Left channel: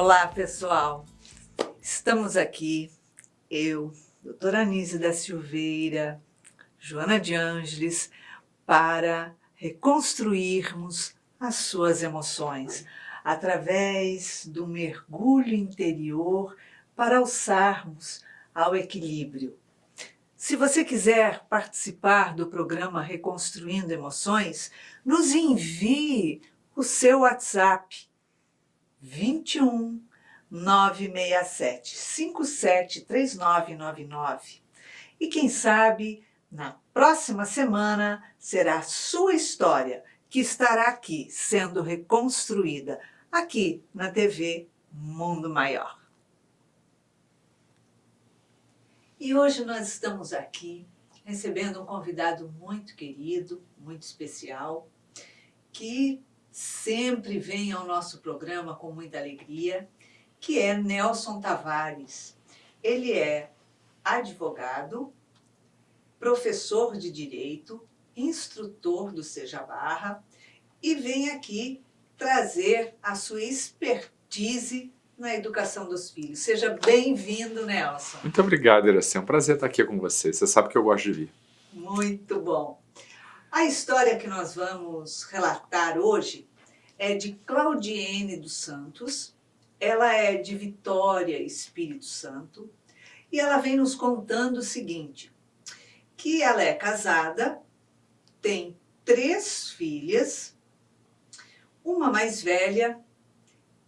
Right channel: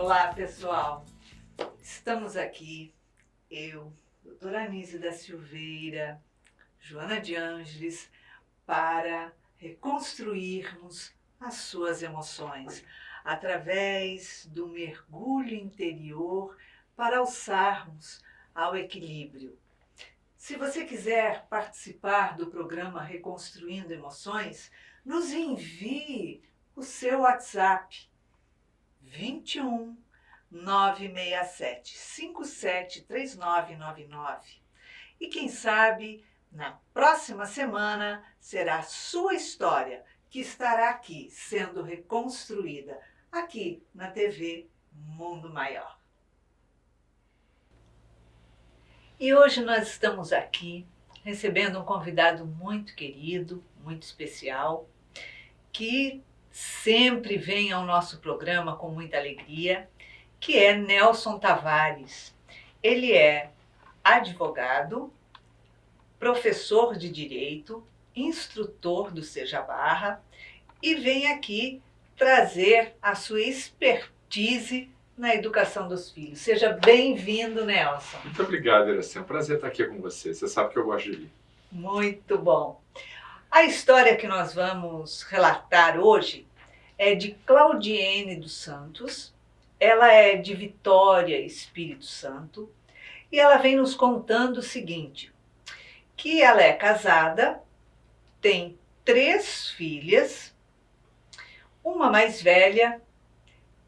Olá, pessoal. Estamos aqui, eu, doutora Anísia da Silveira, Joana de Ângeles, para reconstruirmos as suas emoções através do mergulho interior para alçarmos ao equilíbrio. Se você quiser participar do programa Reconstruindo Emoções, nos envie o seu WhatsApp 21 967 57 3999. E quem sabe, na próxima semana, será a sua história que estará aqui sendo reconstruída, aqui na TV Mundo Maior. E hoje nós estamos aqui recebendo um convidado muito querido, muito especial, que sempre vem ao nosso programa com muita alegria, que é Nelson Tavares. Ele é advogado, professor de Direito, instrutor do Seja Barra e vem aqui trazer a sua expertise na educação dos filhos. Seja bem-vindo, Nelson. Muito obrigado, Iracema. É um prazer estar aqui com você. Você sabe que eu gosto de ler. Muito bom. A história que nós vamos relatar hoje é de Claudiene dos Santos. Ela é de Vitória, Espírito Santo, e ela vem nos contando o seguinte, que ela é casada, tem 3 filhas, uma mais velha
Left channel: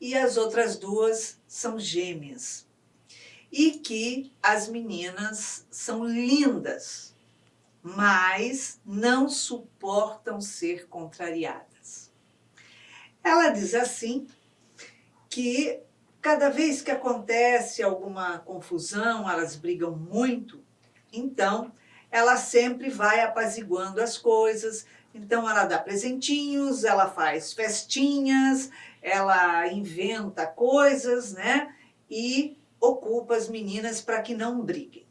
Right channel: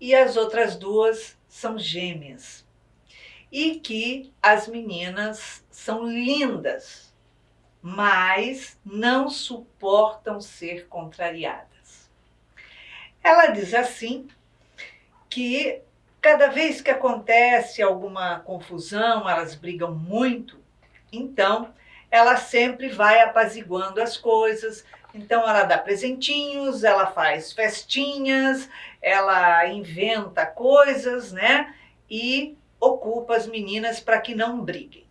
e as outras 2 são gêmeas, e que as meninas são lindas, mas não suportam ser contrariadas. Ela diz assim que cada vez que acontece alguma confusão, elas brigam muito, então ela sempre vai apaziguando as coisas. Então ela dá presentinhos, ela faz festinhas, ela inventa coisas, né? E ocupa as meninas para que não briguem.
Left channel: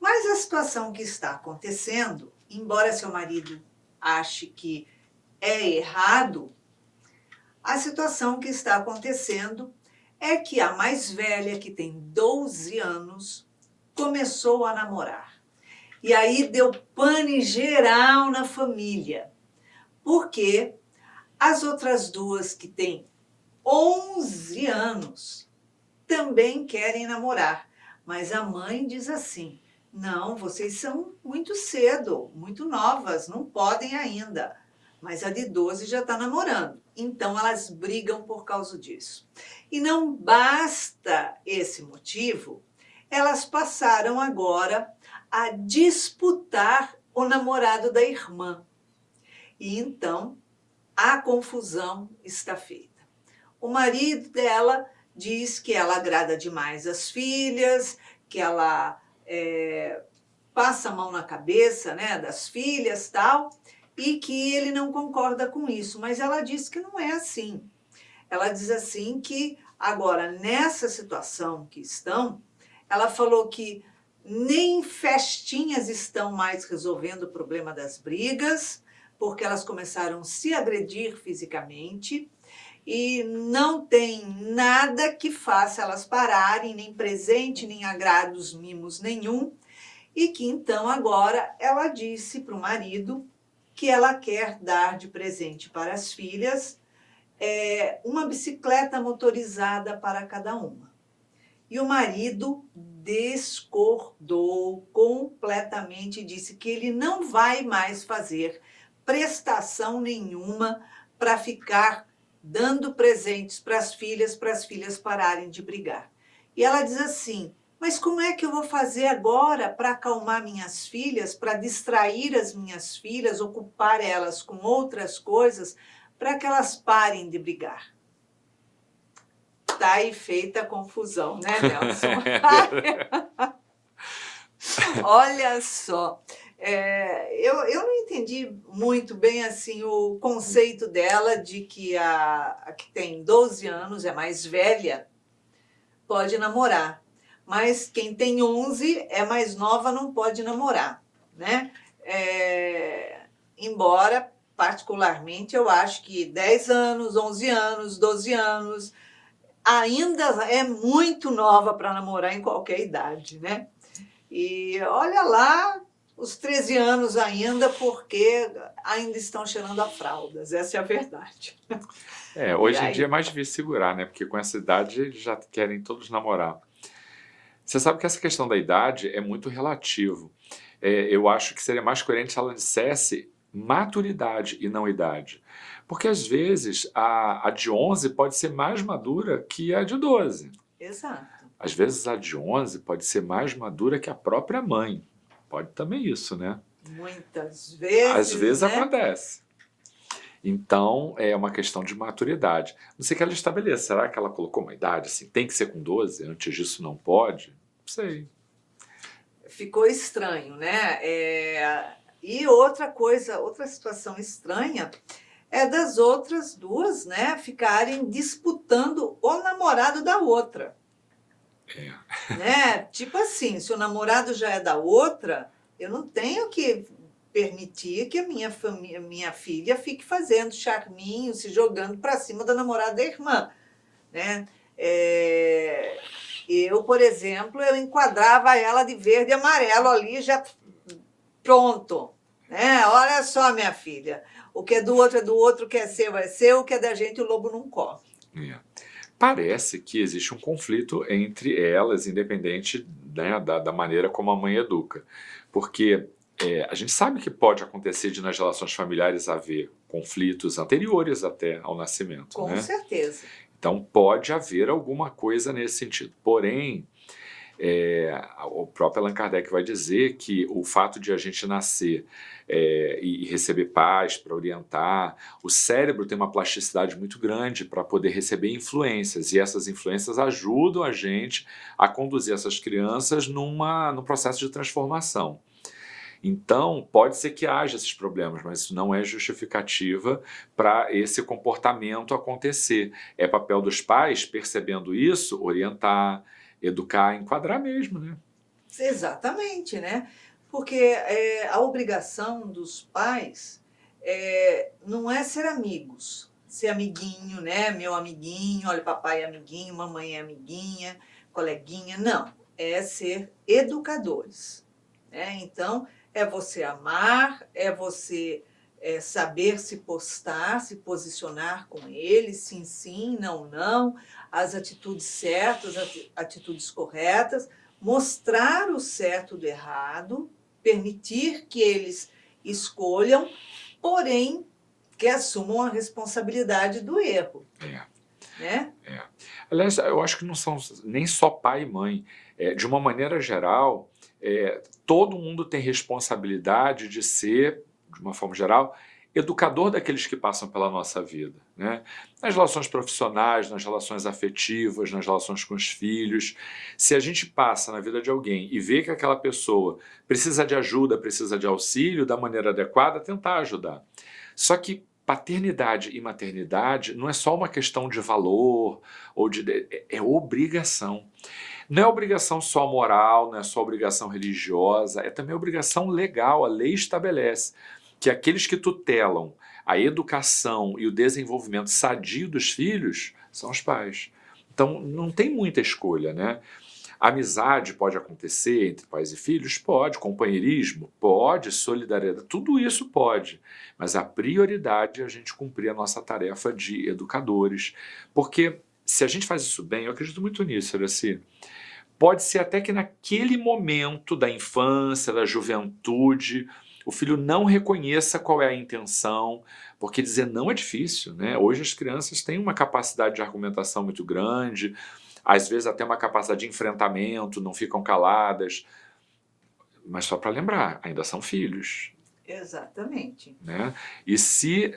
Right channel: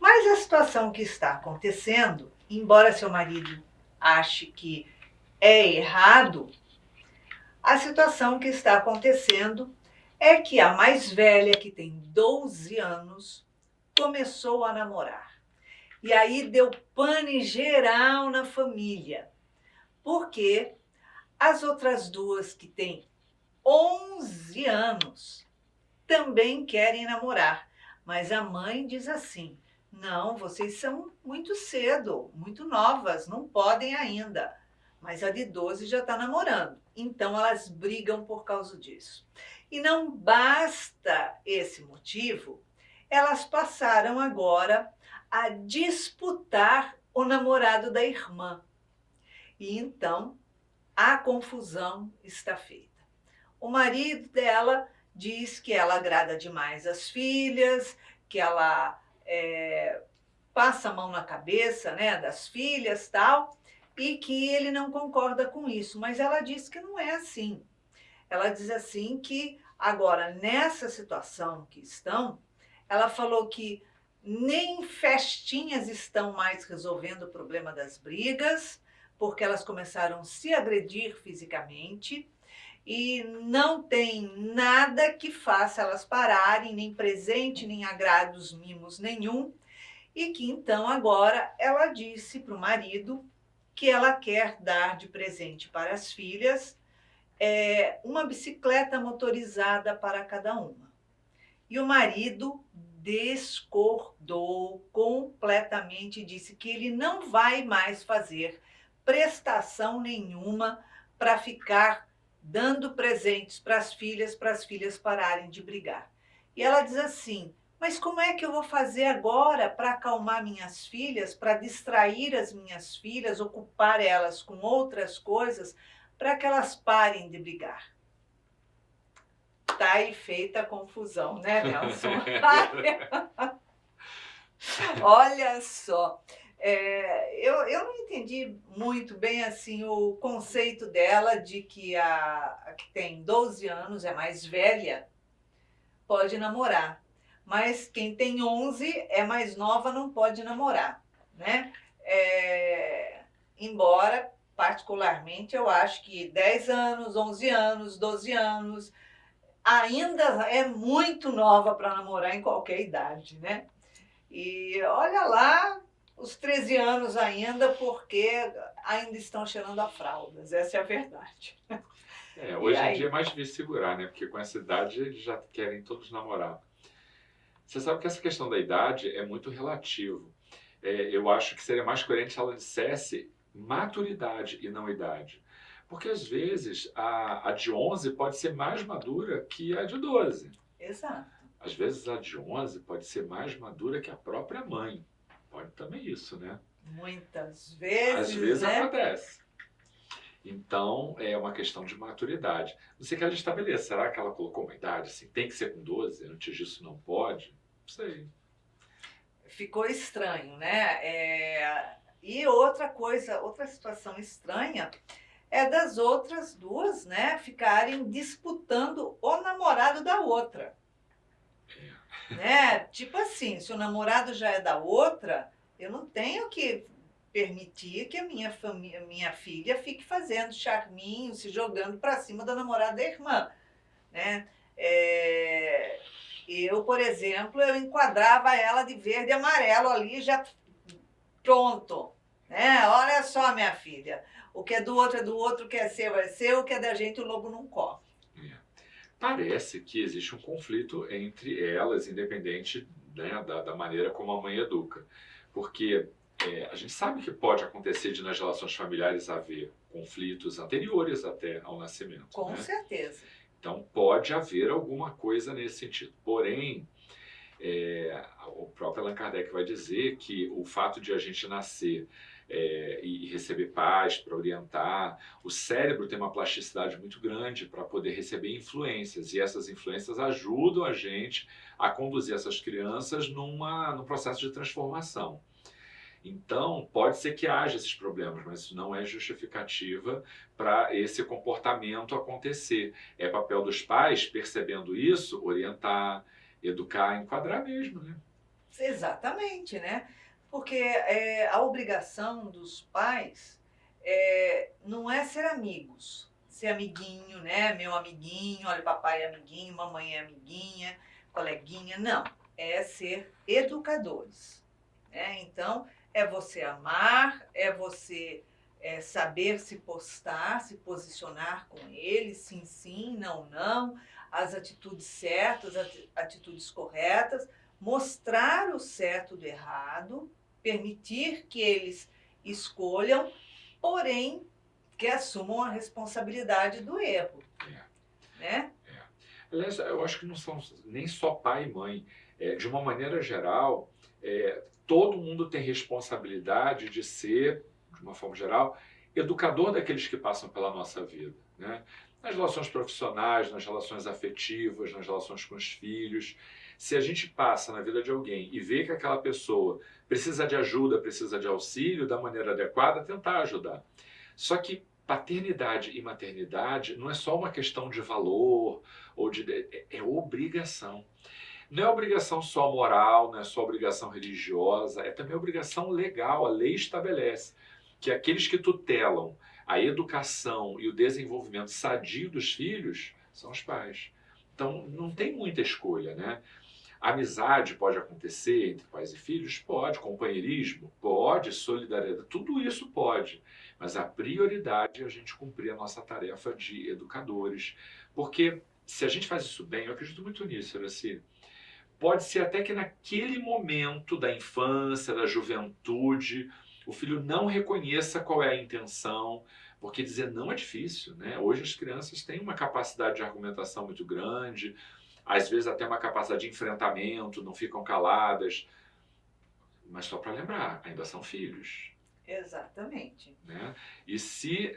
Mas a situação que está acontecendo, embora seu marido ache que é errado, a situação que está acontecendo é que a mais velha, que tem 12 anos, começou a namorar. E aí deu pane geral na família, porque as outras 2, que têm 11 anos, também querem namorar. Mas a mãe diz assim, não, vocês são muito cedo, muito novas, não podem ainda. Mas a de 12 já está namorando. Então elas brigam por causa disso. E não basta esse motivo, elas passaram agora a disputar o namorado da irmã. E então a confusão está feita. O marido dela diz que ela agrada demais as filhas, que ela passa a mão na cabeça, né, das filhas, tal, e que ele não concorda com isso. Mas ela diz que não é assim. Ela diz assim que agora, nessa situação que estão, ela falou que nem festinhas estão mais resolvendo o problema das brigas, porque elas começaram a se agredir fisicamente e não tem nada que faça elas pararem, nem presente, nem agrados, mimos nenhum, e que então agora ela disse para o marido que ela quer dar de presente para as filhas uma bicicleta motorizada para cada uma. E o marido discordou completamente e disse que ele não vai mais fazer prestação nenhuma para ficar dando presentes para as filhas pararem de brigar. E ela diz assim, mas como é que eu vou fazer agora para acalmar minhas filhas, para distrair as minhas filhas, ocupar elas com outras coisas, para que elas parem de brigar? Tá aí feita a confusão, né, Nelson? Olha só, eu não entendi muito bem assim o conceito dela de que a que tem 12 anos, é mais velha, pode namorar. Mas quem tem 11 é mais nova, não pode namorar, né? Embora, particularmente, eu acho que 10 anos, 11 anos, 12 anos, ainda é muito nova para namorar em qualquer idade, né? E olha lá, os 13 anos ainda, porque ainda estão cheirando a fraldas, essa é a verdade. E Hoje em dia é aí, mais difícil segurar, né? Porque com essa idade eles já querem todos namorar. Você sabe que essa questão da idade é muito relativo. Eu acho que seria mais coerente se ela dissesse maturidade e não idade. Porque às vezes a de 11 pode ser mais madura que a de 12. exato, Às vezes a de 11 pode ser mais madura que a própria mãe. Pode também isso, né? muitas Às vezes, vezes né? acontece. Então, é uma questão de maturidade. Não sei que ela estabeleça. Será que ela colocou uma idade assim? Tem que ser com 12? Antes disso não pode? Não sei. Ficou estranho, né? E outra coisa, outra situação estranha é das outras duas, né, ficarem disputando o namorado da outra. Né? Tipo assim, se o namorado já é da outra, eu não tenho que permitir que a minha filha fique fazendo charminho, se jogando para cima da namorada da irmã, né? É, eu, por exemplo, eu enquadrava ela de verde e amarelo ali, já pronto, né? Olha só, minha filha, o que é do outro, o que é seu, o que é da gente, o lobo não come. É. Parece que existe um conflito entre elas, independente, né, da maneira como a mãe educa. Porque a gente sabe que pode acontecer de nas relações familiares haver conflitos anteriores até ao nascimento, Com né? certeza. Então pode haver alguma coisa nesse sentido. Porém, o próprio Allan Kardec vai dizer que o fato de a gente nascer e receber pais para orientar, o cérebro tem uma plasticidade muito grande para poder receber influências, e essas influências ajudam a gente a conduzir essas crianças num processo de transformação. Então, pode ser que haja esses problemas, mas isso não é justificativa para esse comportamento acontecer. É papel dos pais, percebendo isso, orientar, educar, enquadrar mesmo, né? Exatamente, né? Porque a obrigação dos pais não é ser amigos, ser amiguinho, né? Meu amiguinho, olha, papai é amiguinho, mamãe é amiguinha, coleguinha. Não, é ser educadores, né? Então, é você amar, é você saber se postar, se posicionar com ele, sim, sim, não, não, as atitudes certas, as atitudes corretas, mostrar o certo do errado, permitir que eles escolham, porém que assumam a responsabilidade do erro, É, né? é. Aliás, eu acho que não são nem só pai e mãe. De uma maneira geral, todo mundo tem responsabilidade de ser, de uma forma geral, educador daqueles que passam pela nossa vida, né? Nas relações profissionais, nas relações afetivas, nas relações com os filhos. Se a gente passa na vida de alguém e vê que aquela pessoa precisa de ajuda, precisa de auxílio, da maneira adequada, tentar ajudar. Só que paternidade e maternidade não é só uma questão de valor, ou é obrigação. Não é obrigação só moral, não é só obrigação religiosa, é também obrigação legal. A lei estabelece que aqueles que tutelam a educação e o desenvolvimento sadio dos filhos são os pais. Então não tem muita escolha, né? Amizade pode acontecer entre pais e filhos? Pode. Companheirismo? Pode. Solidariedade? Tudo isso pode. Mas a prioridade é a gente cumprir a nossa tarefa de educadores. Porque se a gente faz isso bem, eu acredito muito nisso, Iraci, pode ser até que naquele momento da infância, da juventude, o filho não reconheça qual é a intenção, porque dizer não é difícil, né? Hoje as crianças têm uma capacidade de argumentação muito grande, às vezes até uma capacidade de enfrentamento, não ficam caladas. Mas só para lembrar, ainda são filhos. Exatamente. Né? E se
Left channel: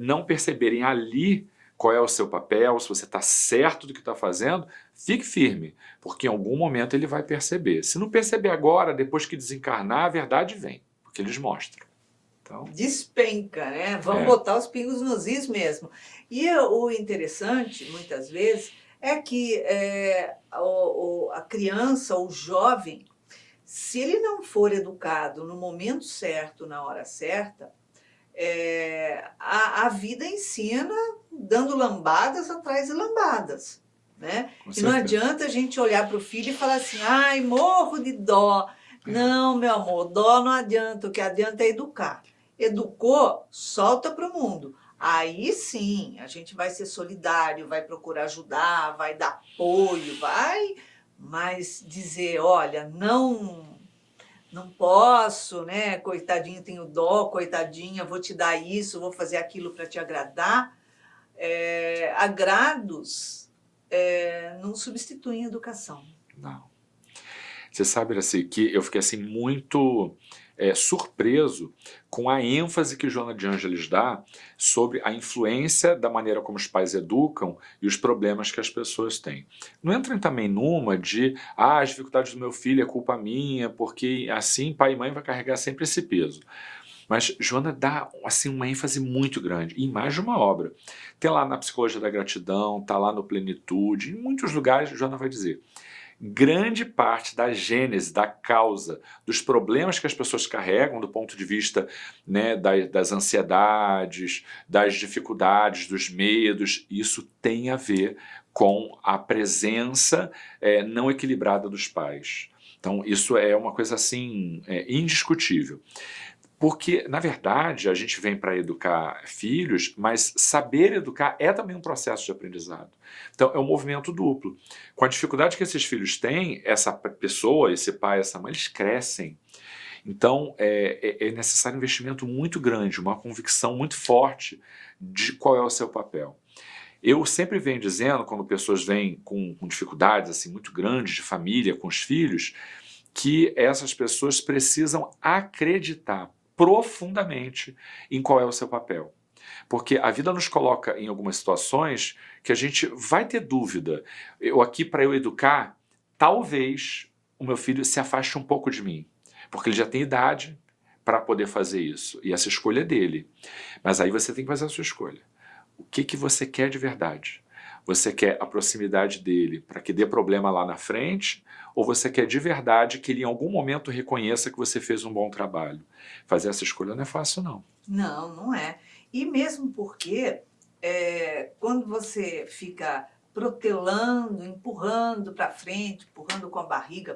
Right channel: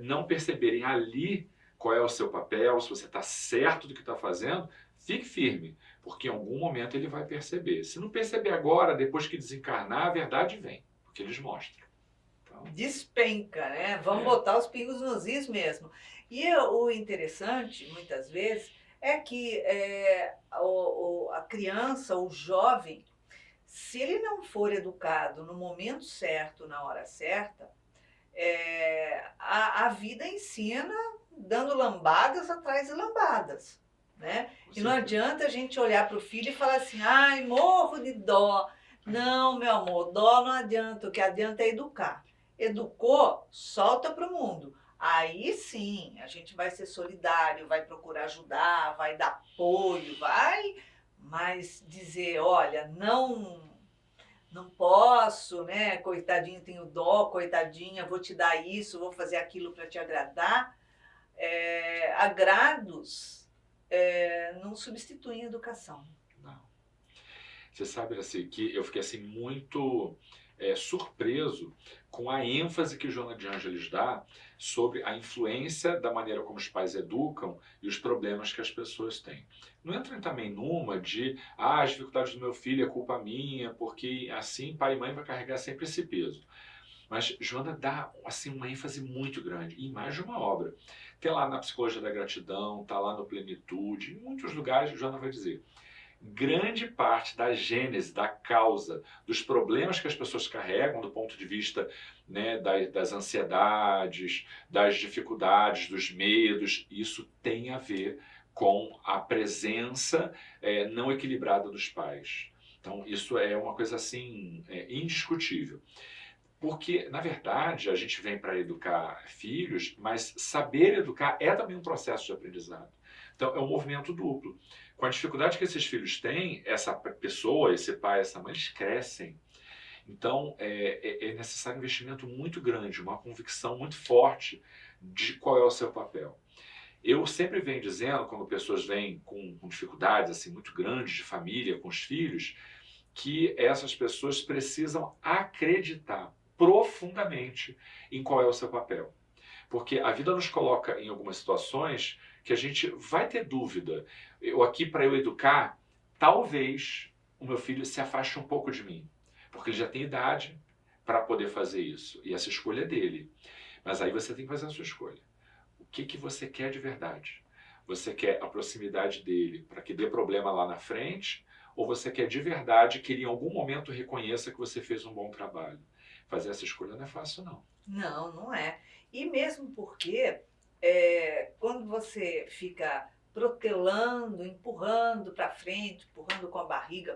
não perceberem ali qual é o seu papel, se você está certo do que está fazendo, fique firme, porque em algum momento ele vai perceber. Se não perceber agora, depois que desencarnar, a verdade vem, porque eles mostram. Então, despenca, né? Vamos botar os pingos nos is mesmo. E o interessante, muitas vezes, é que a criança, o jovem, se ele não for educado no momento certo, na hora certa, a vida ensina dando lambadas atrás de lambadas, né? Com E não certeza. adianta a gente olhar para o filho e falar assim, ai, morro de dó. Não, meu amor, dó não adianta, o que adianta é educar. Educou, solta para o mundo. Aí sim, a gente vai ser solidário, vai procurar ajudar, vai dar apoio, vai, mas dizer, olha, não posso, né? Coitadinho, tenho dó, coitadinha, vou te dar isso, vou fazer aquilo para te agradar. Agrados não substituem educação. Não. Você sabe, assim, que eu fiquei assim muito surpreso com a ênfase que Joana de Ângeles dá sobre a influência da maneira como os pais educam e os problemas que as pessoas têm. Não entrem também numa de as dificuldades do meu filho é culpa minha, porque assim pai e mãe vai carregar sempre esse peso. Mas Joana dá assim uma ênfase muito grande em mais de uma obra. Tem lá na Psicologia da Gratidão, tá lá no Plenitude, em muitos lugares Joana vai dizer grande parte da gênese, da causa, dos problemas que as pessoas carregam do ponto de vista, né, das ansiedades, das dificuldades, dos medos, isso tem a ver com a presença não equilibrada dos pais. Então isso é uma coisa assim indiscutível. Porque, na verdade, a gente vem para educar filhos, mas saber educar é também um processo de aprendizado. Então, é um movimento duplo. Com a dificuldade que esses filhos têm, essa pessoa, esse pai, essa mãe, eles crescem. Então, é necessário um investimento muito grande, uma convicção muito forte de qual é o seu papel. Eu sempre venho dizendo, quando pessoas vêm com dificuldades assim, muito grandes de família, com os filhos, que essas pessoas precisam acreditar profundamente em qual é o seu papel. Porque a vida nos coloca em algumas situações que a gente vai ter dúvida. Eu aqui, para eu educar, talvez o meu filho se afaste um pouco de mim, porque ele já tem idade para poder fazer isso. E essa escolha é dele. Mas aí você tem que fazer a sua escolha. O que você quer de verdade? Você quer a proximidade dele para que dê problema lá na frente? Ou você quer de verdade que ele em algum momento reconheça que você fez um bom trabalho? Fazer essa escolha não é fácil, não. Não, não é. E mesmo porque quando você fica protelando, empurrando para frente, empurrando com a barriga,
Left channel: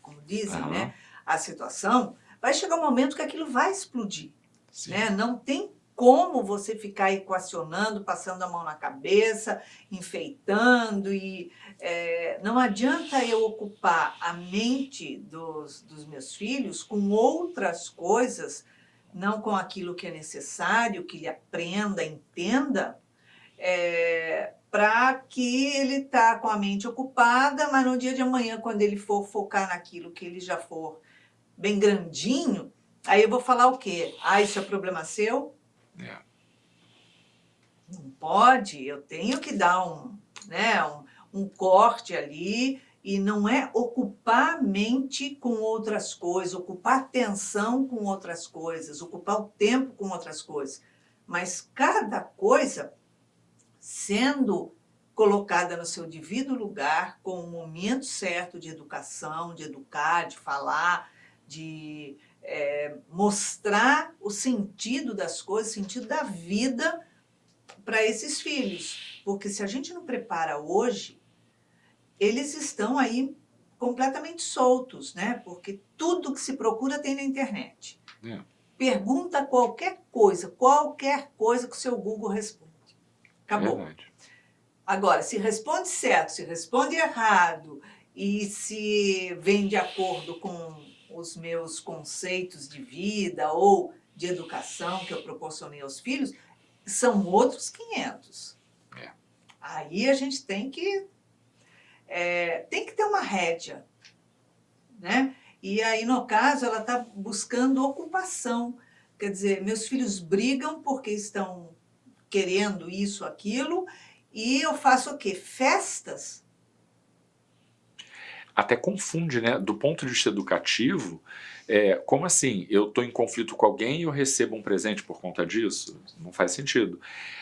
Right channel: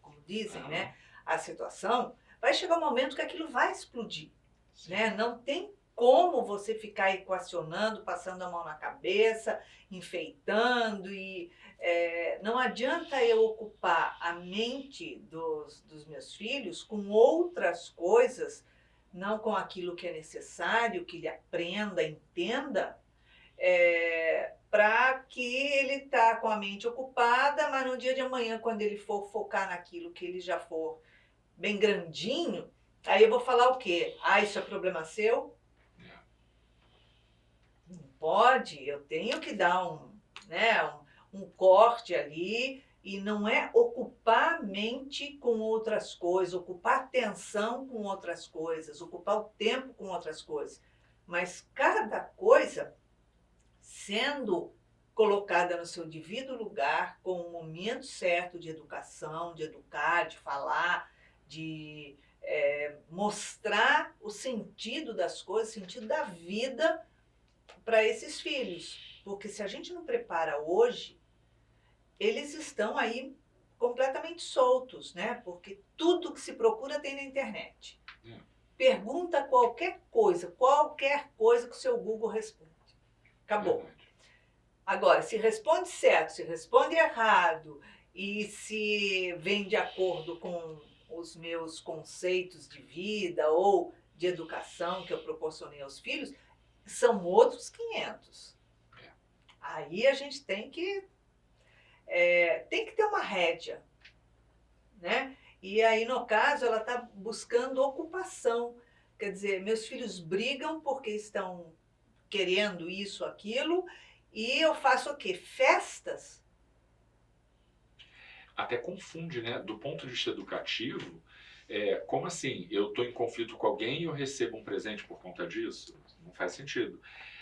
como dizem, Aham, né, a situação, vai chegar um momento que aquilo vai explodir, sim. né? Não tem como você ficar equacionando, passando a mão na cabeça, enfeitando e não adianta eu ocupar a mente dos meus filhos com outras coisas, não com aquilo que é necessário, que ele aprenda, entenda, para que ele está com a mente ocupada, mas no dia de amanhã, quando ele for focar naquilo que ele já for bem grandinho, aí eu vou falar o quê? Ah, isso é problema seu? É. Não pode, eu tenho que dar um corte ali, e não é ocupar a mente com outras coisas, ocupar atenção com outras coisas, ocupar o tempo com outras coisas. Mas cada coisa sendo colocada no seu devido lugar, com o momento certo de educação, de educar, de falar, de mostrar o sentido das coisas, o sentido da vida para esses filhos. Porque se a gente não prepara hoje, eles estão aí completamente soltos, né? Porque tudo que se procura tem na internet. É. Pergunta qualquer coisa que o seu Google responde. Acabou. Verdade. Agora, se responde certo, se responde errado e se vem de acordo com os meus conceitos de vida ou de educação que eu proporcionei aos filhos, são outros 500. É. Aí a gente tem que ter uma rédea, né? E aí, no caso, ela está buscando ocupação. Quer dizer, meus filhos brigam porque estão querendo isso, aquilo, e eu faço o quê? Festas. Até confunde, né? Do ponto de vista educativo, como assim? Eu estou em conflito com alguém e eu recebo um presente por conta disso? Não faz sentido.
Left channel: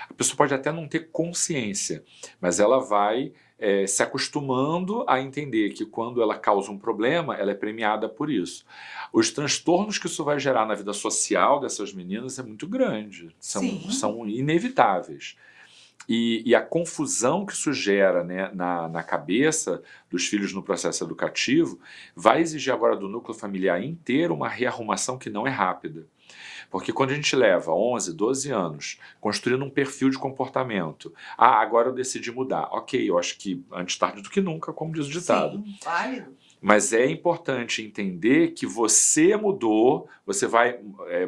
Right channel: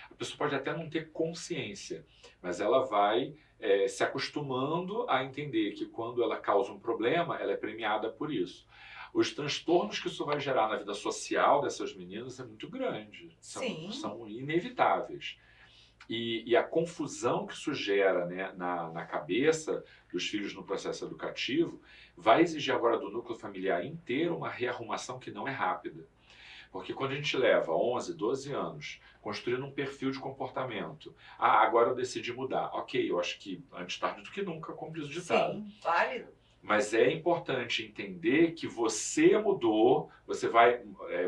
A pessoa pode até não ter consciência, mas ela vai se acostumando a entender que quando ela causa um problema, ela é premiada por isso. Os transtornos que isso vai gerar na vida social dessas meninas é muito grande, Sim. são inevitáveis. E a confusão que isso gera, né, na cabeça dos filhos no processo educativo vai exigir agora do núcleo familiar inteiro uma rearrumação que não é rápida. Porque quando a gente leva 11, 12 anos construindo um perfil de comportamento, agora eu decidi mudar. Ok, eu acho que antes tarde do que nunca, como diz o ditado. Sim, válido. Mas é importante entender que você mudou, você vai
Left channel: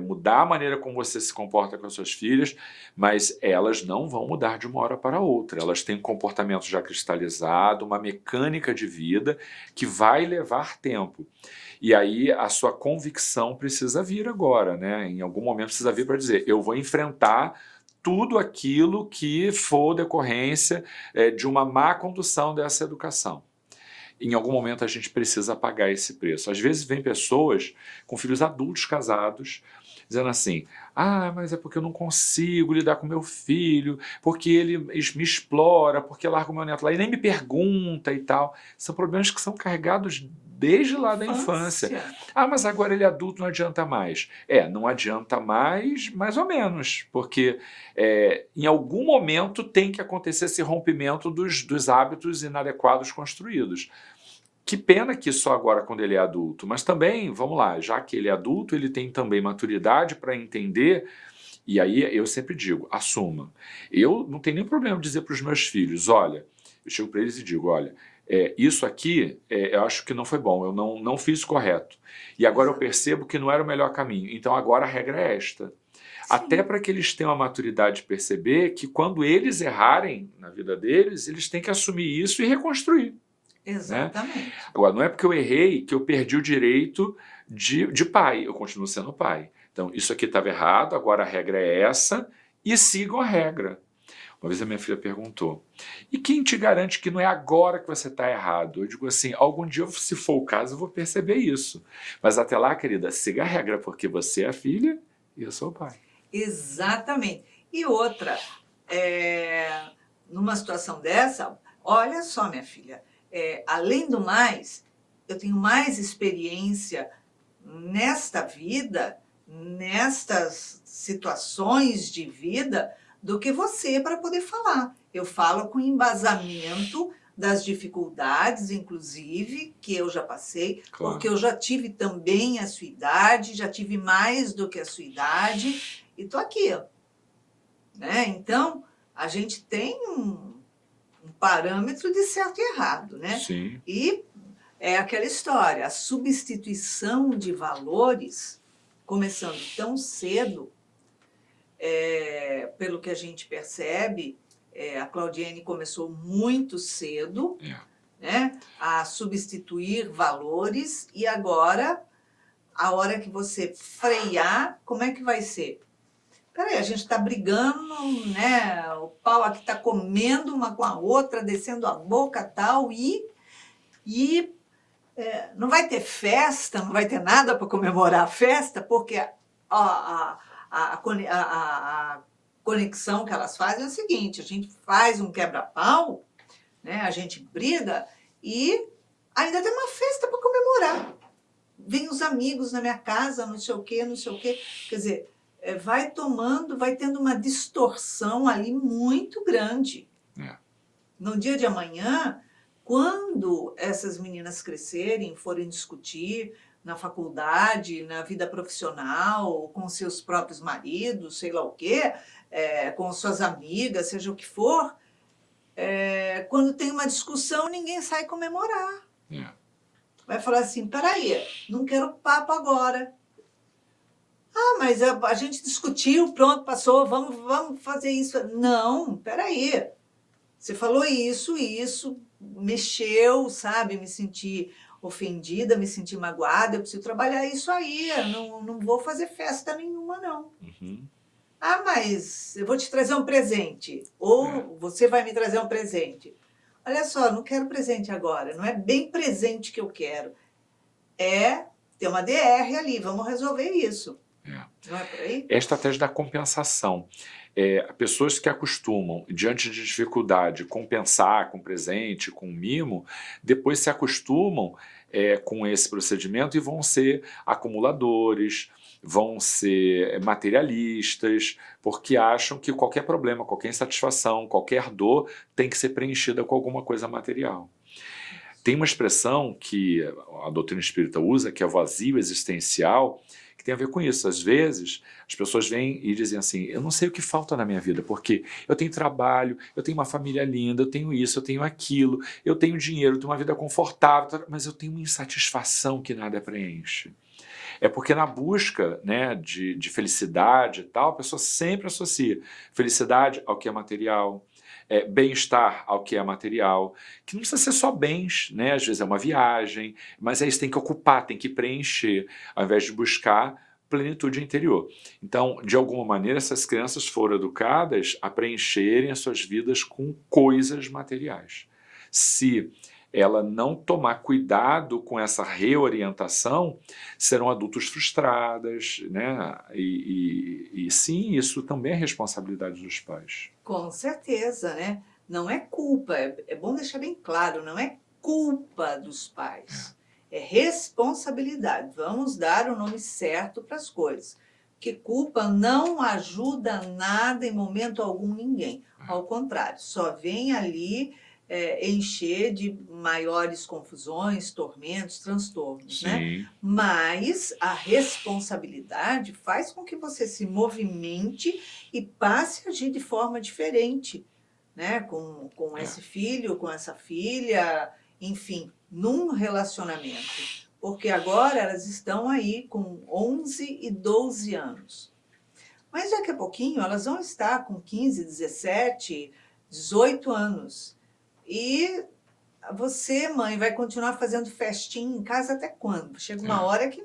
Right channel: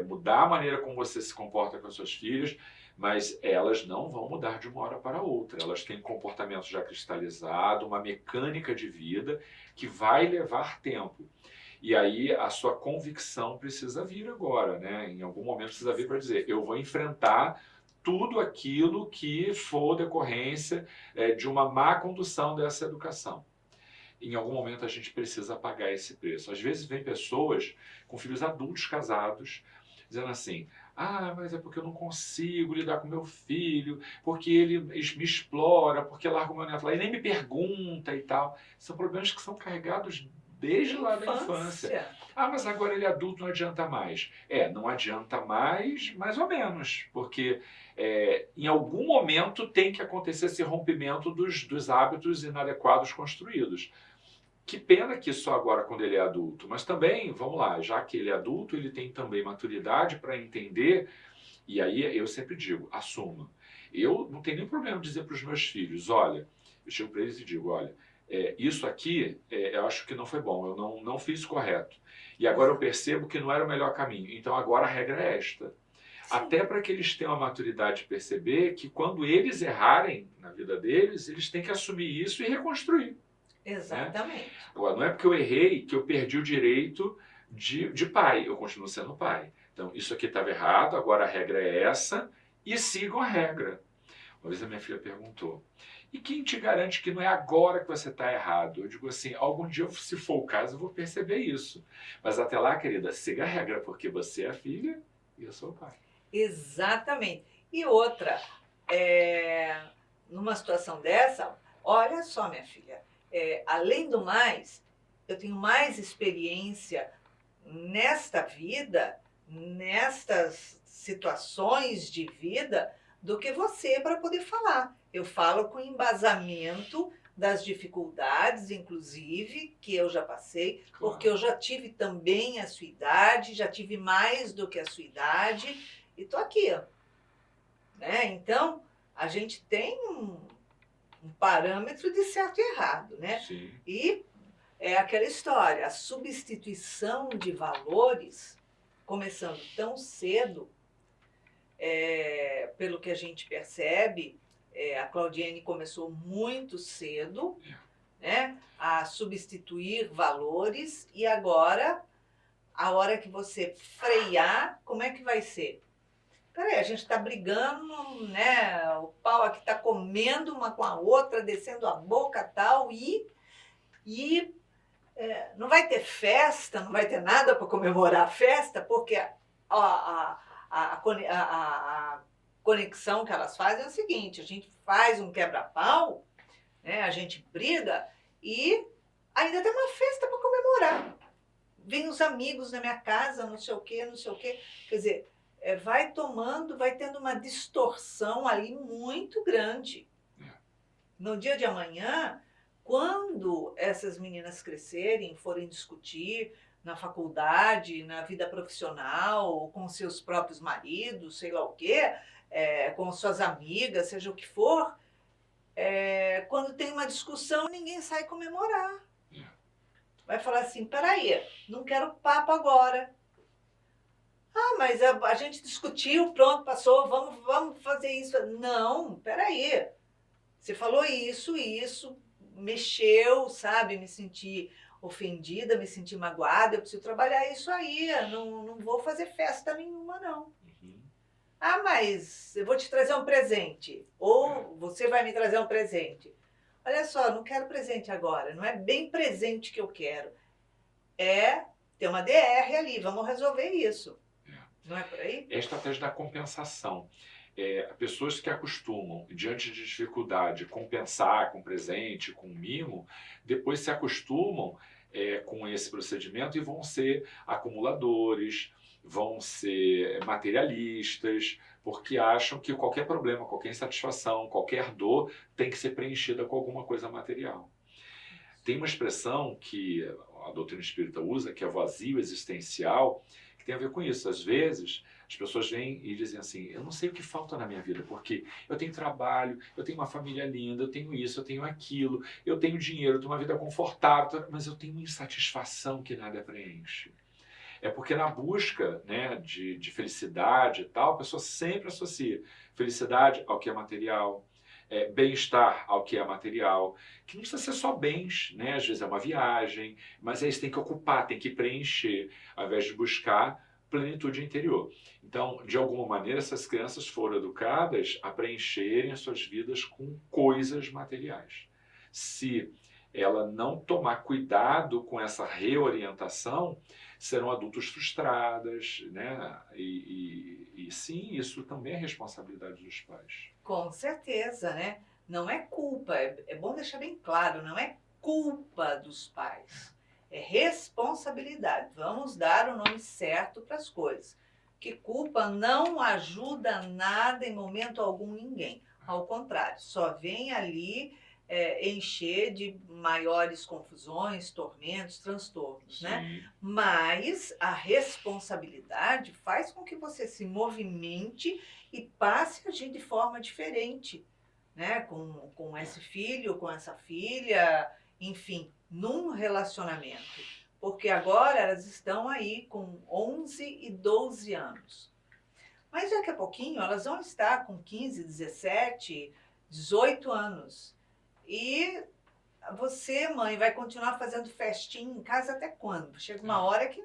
mudar a maneira como você se comporta com as suas filhas, mas elas não vão mudar de uma hora para outra. Elas têm um comportamento já cristalizado, uma mecânica de vida que vai levar tempo. E aí a sua convicção precisa vir agora, né? Em algum momento precisa vir para dizer, eu vou enfrentar tudo aquilo que for decorrência de uma má condução dessa educação. Em algum momento a gente precisa pagar esse preço. Às vezes vem pessoas com filhos adultos casados, dizendo assim, mas é porque eu não consigo lidar com meu filho, porque ele me explora, porque larga o meu neto lá e nem me pergunta e tal. São problemas que são carregados desde lá da infância. Mas agora ele é adulto, não adianta mais. Não adianta mais ou menos, porque em algum momento tem que acontecer esse rompimento dos hábitos inadequados construídos. Que pena que só agora quando ele é adulto, mas também, vamos lá, já que ele é adulto, ele tem também maturidade para entender, e aí eu sempre digo, assuma. Eu não tenho nenhum problema de dizer para os meus filhos, olha, eu chego para eles e digo, olha, isso aqui eu acho que não foi bom, eu não fiz correto. E agora eu percebo que não era o melhor caminho, então agora a regra é esta. Sim. Até para que eles tenham a maturidade de perceber que quando eles errarem na vida deles, eles têm que assumir isso e reconstruir. Exatamente. Né? Agora, não é porque eu errei que eu perdi o direito de pai, eu continuo sendo pai. Então, isso aqui estava errado, agora a regra é essa, e sigam a regra. Uma vez a minha filha perguntou, e quem te garante que não é agora que você está errado? Eu digo assim, algum dia, se for o caso, eu vou perceber isso. Mas até lá, querida, siga a regra, porque você é a filha e eu sou o pai. Exatamente. E outra, numa situação dessa, olha só, minha filha, além do mais, eu tenho mais experiência nesta vida, nestas situações de vida, do que você para poder falar. Eu falo com embasamento das dificuldades, inclusive, que eu já passei, claro. Porque eu já tive também a sua idade, já tive mais do que a sua idade, e estou aqui. Né? Então, a gente tem um parâmetro de certo e errado, né? Sim. E é aquela história, a substituição de valores, começando tão cedo, pelo que a gente percebe, a Claudiene começou muito cedo, né, a substituir valores, e agora, a hora que você frear, como é que vai ser? Peraí, a gente está brigando, né? O pau aqui está comendo uma com a outra, descendo a boca e tal, e não vai ter festa, não vai ter nada para comemorar a festa, porque a conexão que elas fazem é o seguinte, a gente faz um quebra-pau, né? A gente briga e ainda tem uma festa para comemorar. Vem os amigos na minha casa, não sei o quê, não sei o quê. Quer dizer, vai tendo uma distorção ali muito grande. No dia de amanhã, quando essas meninas crescerem, forem discutir na faculdade, na vida profissional, com seus próprios maridos, sei lá o quê, com suas amigas, seja o que for, quando tem uma discussão, ninguém sai comemorar. Vai falar assim, peraí, não quero papo agora. Mas a gente discutiu, pronto, passou, vamos fazer isso. Não, peraí. Você falou isso, mexeu, sabe? Me senti ofendida, me senti magoada, eu preciso trabalhar isso aí. Eu não vou fazer festa nenhuma, não. Uhum. Mas eu vou te trazer um presente. Ou você vai me trazer um presente. Olha só, não quero presente agora. Não é bem presente que eu quero. Tem uma DR ali, vamos resolver isso. Não é por aí? É a estratégia da compensação. Pessoas que acostumam, diante de dificuldade, compensar com presente, com mimo, depois se acostumam com esse procedimento e vão ser acumuladores, vão ser materialistas, porque acham que qualquer problema, qualquer insatisfação, qualquer dor tem que ser preenchida com alguma coisa material. Tem uma expressão que a doutrina espírita usa, que é vazio existencial, que tem a ver com isso. Às vezes, as pessoas vêm e dizem assim, eu não sei o que falta na minha vida, porque eu tenho trabalho, eu tenho uma família linda, eu tenho isso, eu tenho aquilo, eu tenho dinheiro, eu tenho uma vida confortável, mas eu tenho uma insatisfação que nada preenche. É porque na busca, né, de felicidade e tal, a pessoa sempre associa felicidade ao que é material, bem-estar ao que é material, que não precisa ser só bens, né? Às vezes é uma viagem, mas aí você tem que ocupar, tem que preencher, ao invés de buscar plenitude interior. Então, de alguma maneira, essas crianças foram educadas a preencherem as suas vidas com coisas materiais. Se ela não tomar cuidado com essa reorientação, serão adultos frustradas, né? E sim, isso também é responsabilidade dos pais. Com certeza, né? Não é culpa, é bom deixar bem claro, não é culpa dos pais, é responsabilidade. Vamos dar o nome certo para as coisas. Que culpa não ajuda nada em momento algum ninguém. Ao contrário, só vem ali encher de maiores confusões, tormentos, transtornos, né? Sim. Mas a responsabilidade faz com que você se movimente e passe a agir de forma diferente, né? Com esse filho, com essa filha, enfim, num relacionamento. Porque agora elas estão aí com 11 e 12 anos. Mas daqui a pouquinho elas vão estar com 15, 17, 18 anos. E você, mãe, vai continuar fazendo festinha em casa até quando? Chega uma hora que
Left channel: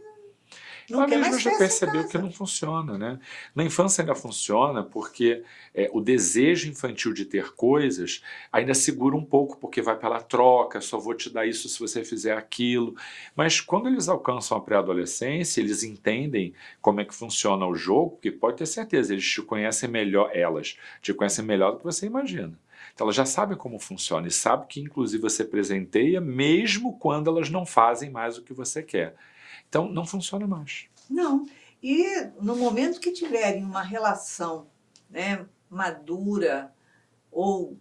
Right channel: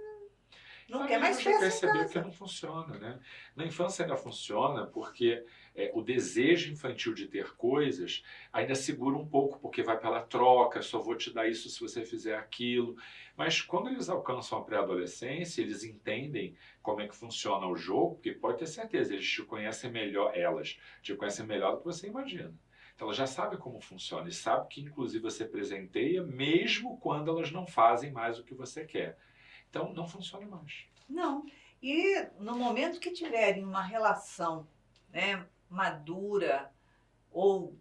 não quer mais já festa em percebeu que casa. não funciona, né? Na infância ainda funciona porque o desejo infantil de ter coisas ainda segura um pouco, porque vai pela troca, só vou te dar isso se você fizer aquilo. Mas quando eles alcançam a pré-adolescência, eles entendem como é que funciona o jogo, porque pode ter certeza, eles te conhecem melhor, elas te conhecem melhor do que você imagina. Então elas já sabem como funciona e sabem que inclusive você presenteia mesmo quando elas não fazem mais o que você quer. Então não funciona mais. Não. E no momento que tiverem uma relação, né, madura, ou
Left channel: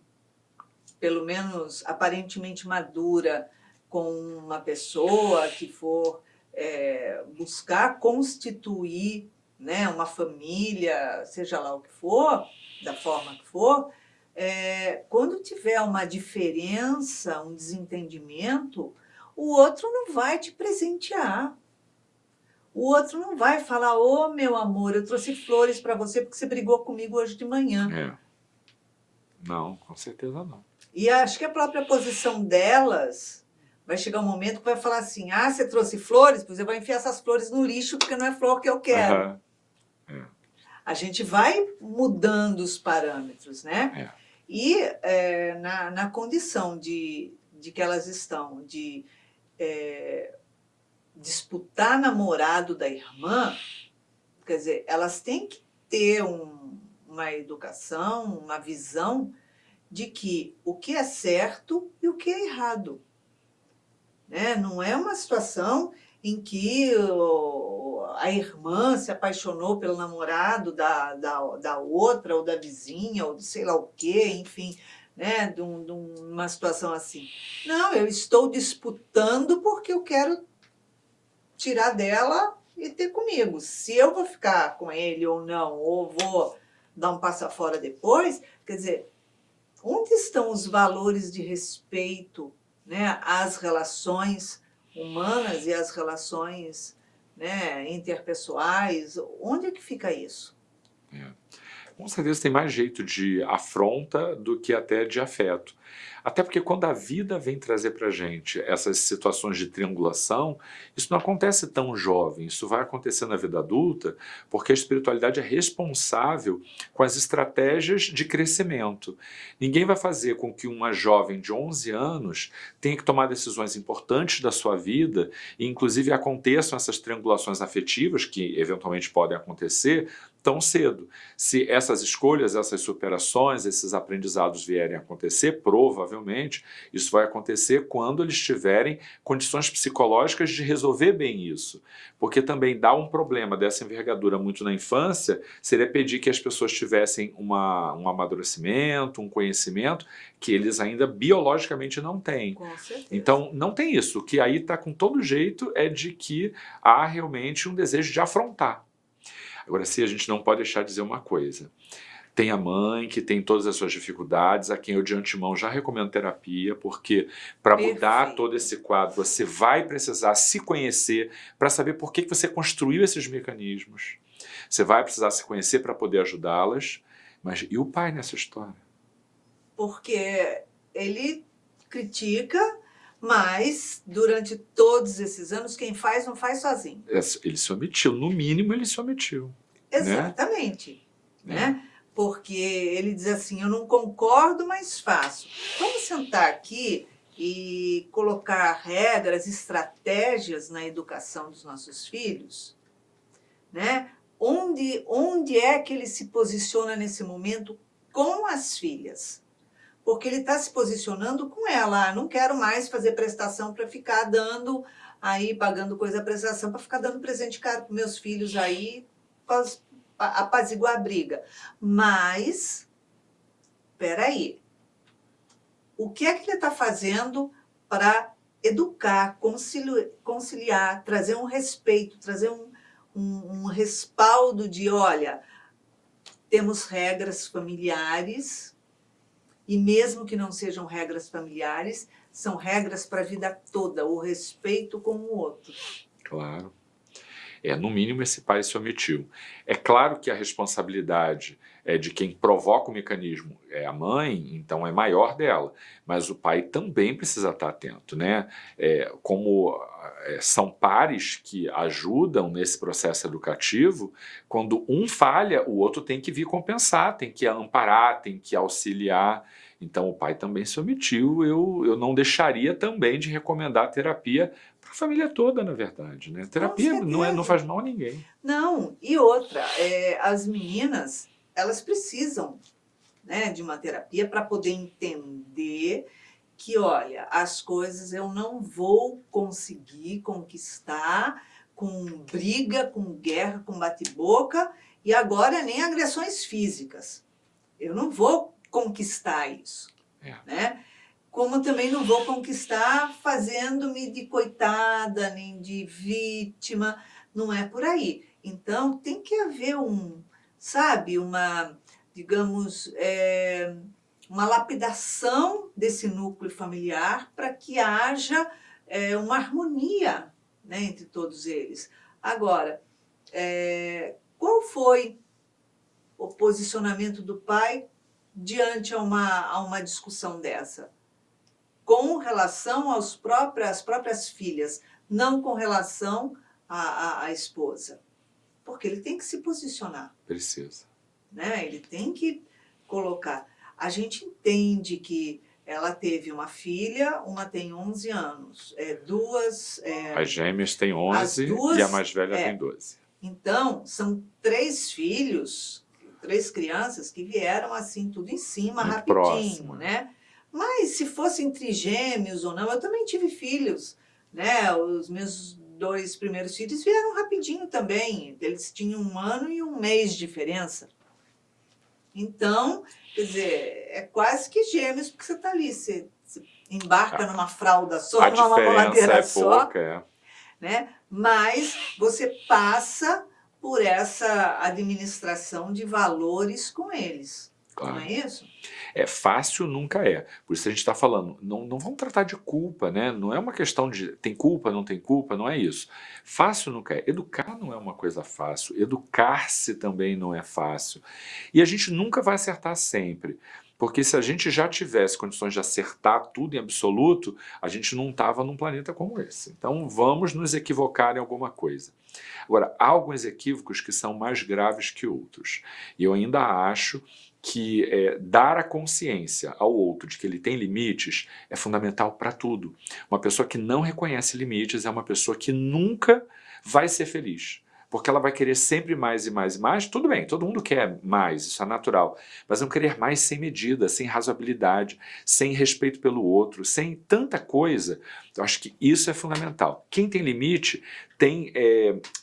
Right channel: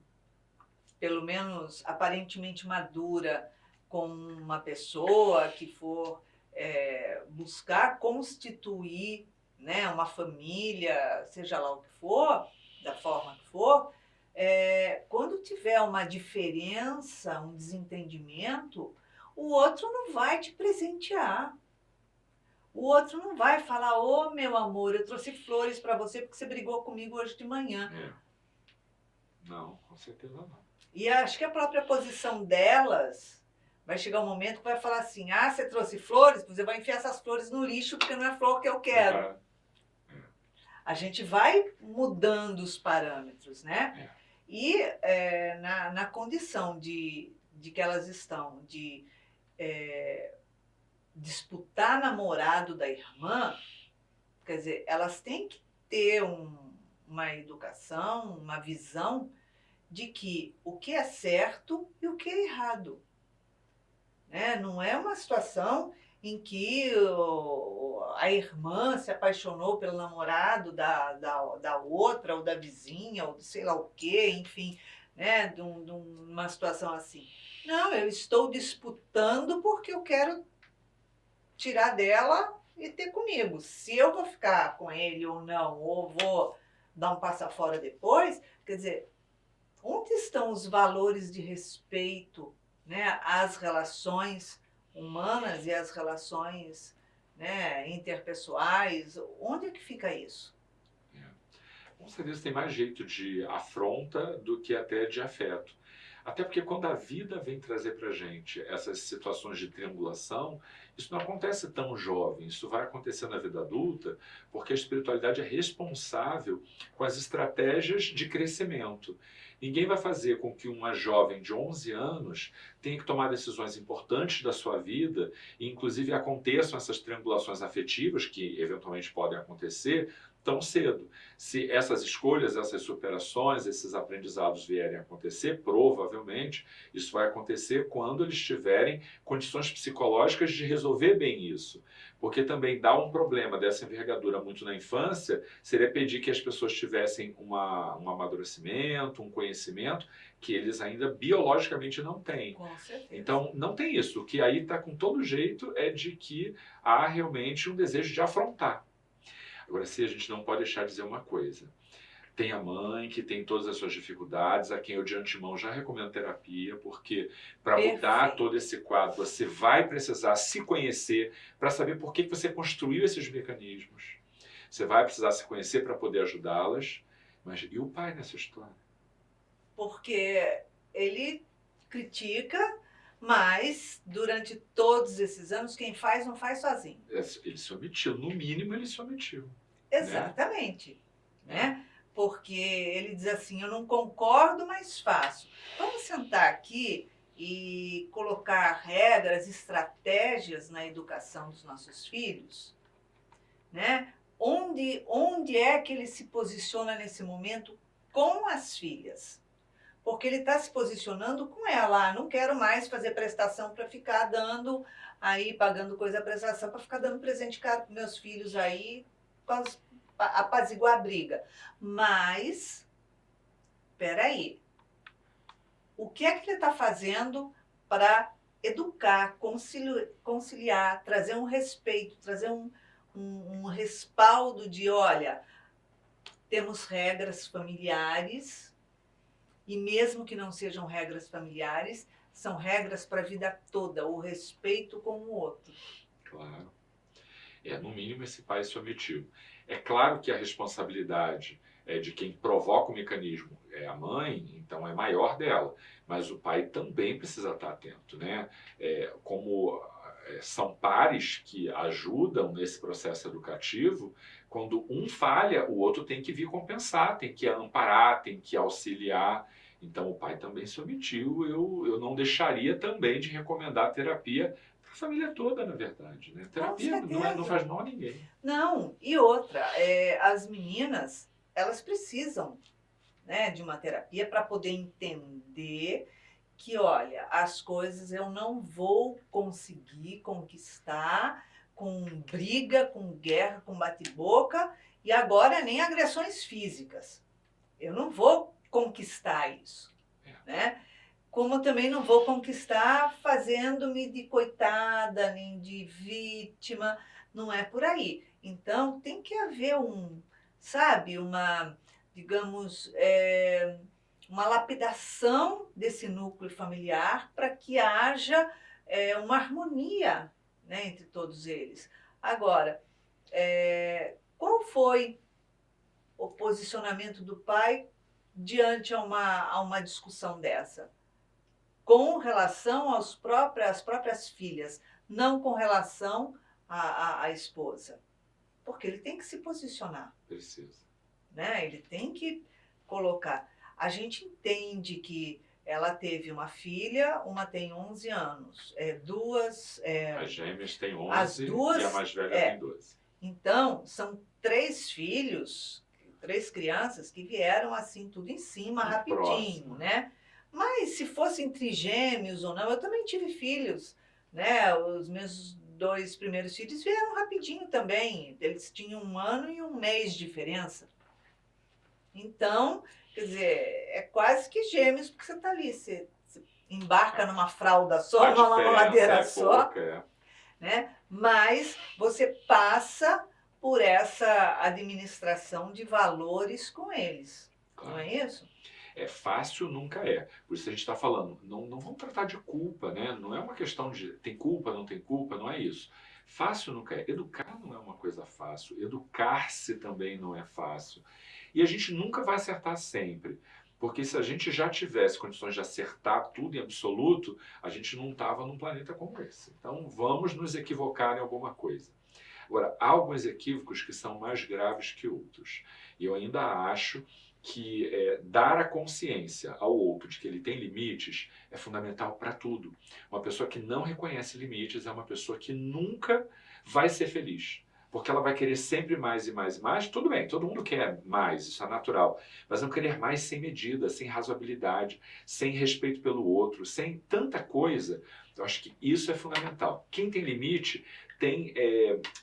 pelo menos aparentemente madura, com uma pessoa que for buscar constituir, né, uma família, seja lá o que for, da forma que for, quando tiver uma diferença, um desentendimento, o outro não vai te presentear. O outro não vai falar, ô meu amor, eu trouxe flores para você porque você brigou comigo hoje de manhã. Não, com certeza não. E acho que a própria posição delas vai chegar um momento que vai falar assim, ah, você trouxe flores? Pois eu vou enfiar essas flores no lixo porque não é flor que eu quero. A gente vai mudando os parâmetros, né? E na condição de que elas estão de disputar namorado da irmã, quer dizer, elas têm que ter uma educação, uma visão de que o que é certo e o que é errado. Né? Não é uma situação em que a irmã se apaixonou pelo namorado da outra, ou da vizinha, ou de sei lá o quê, enfim, né? de uma situação assim. Não, eu estou disputando porque eu quero tirar dela e ter comigo. Se eu vou ficar com ele ou não, ou vou dar um passo fora depois, quer dizer, onde estão os valores de respeito, né, às relações humanas e às relações, né, interpessoais? Onde é que fica isso? Com certeza tem mais jeito de afronta do que até de afeto. Até porque quando a vida vem trazer para a gente essas situações de triangulação, isso não acontece tão jovem, isso vai acontecer na vida adulta, porque a espiritualidade é responsável com as estratégias de crescimento. Ninguém vai fazer com que uma jovem de 11 anos tenha que tomar decisões importantes da sua vida, e inclusive aconteçam essas triangulações afetivas, que eventualmente podem acontecer, tão cedo. Se essas escolhas, essas superações, esses aprendizados vierem a acontecer, provavelmente isso vai acontecer quando eles tiverem condições psicológicas de resolver bem isso. Porque também dá um problema dessa envergadura muito na infância, seria pedir que as pessoas tivessem um amadurecimento, um conhecimento que eles ainda biologicamente não têm. Com certeza. Então, não tem isso. O que aí está com todo jeito é de que há realmente um desejo de afrontar. Agora, se a gente não pode deixar de dizer uma coisa. Tem a mãe que tem todas as suas dificuldades, a quem eu de antemão já recomendo terapia, porque para mudar Perfeito. todo esse quadro, você vai precisar se conhecer para saber por que você construiu esses mecanismos. Você vai precisar se conhecer para poder ajudá-las. Mas e o pai nessa história? Porque ele critica, mas durante todos esses anos, quem faz não faz sozinho. Ele se omitiu, no mínimo ele se omitiu. Exatamente. Né? Porque ele diz assim, eu não concordo, mas faço. Vamos sentar aqui e colocar regras, estratégias na educação dos nossos filhos, né? Onde é que ele se posiciona nesse momento com as filhas? Porque ele está se posicionando com ela. Ah, não quero mais fazer prestação para ficar dando aí, pagando coisa prestação, para ficar dando presente caro para meus filhos aí, para apaziguar a briga. Mas, peraí, o que é que ele está fazendo para educar, conciliar, trazer um respeito, trazer um respaldo de, olha, temos regras familiares, e mesmo que não sejam regras familiares, são regras para a vida toda, o respeito com o outro. Claro. No mínimo esse pai se omitiu. É claro que a responsabilidade de quem provoca o mecanismo é a mãe, então é maior dela, mas o pai também precisa estar atento, né? Como são pares que ajudam nesse processo educativo, quando um falha, o outro tem que vir compensar, tem que amparar, tem que auxiliar. Então o pai também se omitiu. Eu não deixaria também de recomendar terapia para a família toda, na verdade, né? Terapia não faz mal a ninguém. Não, e outra, as meninas, elas precisam, né, de uma terapia para poder entender que, olha, as coisas eu não vou conseguir conquistar com briga, com guerra, com bate-boca, e agora nem agressões físicas. Eu não vou conquistar isso, né? Como também não vou conquistar fazendo-me de coitada, nem de vítima, não é por aí. Então, tem que haver digamos, uma lapidação desse núcleo familiar para que haja uma harmonia, né, entre todos eles. Agora, qual foi o posicionamento do pai diante a uma discussão dessa? Com relação às próprias filhas, não com relação à esposa. Porque ele tem que se posicionar. Precisa. Né? Ele tem que colocar. A gente entende que ela teve uma filha, uma tem 11 anos. As gêmeas têm 11 e a mais velha tem 12. Então, são 3 filhos, 3 crianças que vieram assim, tudo em cima, muito rapidinho, próximo, né? Mas se fossem trigêmeos ou não, eu também tive filhos, né? Os meus 2 primeiros filhos vieram rapidinho também. Eles tinham 1 ano e 1 mês de diferença. Então, quer dizer, é quase que gêmeos, porque você está ali, você embarca numa fralda só, numa mamadeira só, pouca, né? Mas você passa por essa administração de valores com eles. Claro. Não é isso? Fácil nunca é. Por isso a gente está falando, não vamos tratar de culpa, né? Não é uma questão de tem culpa, não tem culpa, não é isso. Fácil nunca é. Educar não é uma coisa fácil. Educar-se também não é fácil. E a gente nunca vai acertar sempre. Porque se a gente já tivesse condições de acertar tudo em absoluto, a gente não estava num planeta como esse. Então vamos nos equivocar em alguma coisa. Agora, há alguns equívocos que são mais graves que outros. E eu ainda acho que dar a consciência ao outro de que ele tem limites é fundamental para tudo. Uma pessoa que não reconhece limites é uma pessoa que nunca vai ser feliz. porque ela vai querer sempre mais e mais e mais. Tudo bem, todo mundo quer mais, isso é natural, mas não querer mais sem medida, sem razoabilidade, sem respeito pelo outro, sem tanta coisa. Eu acho que isso é fundamental. Quem tem limite tem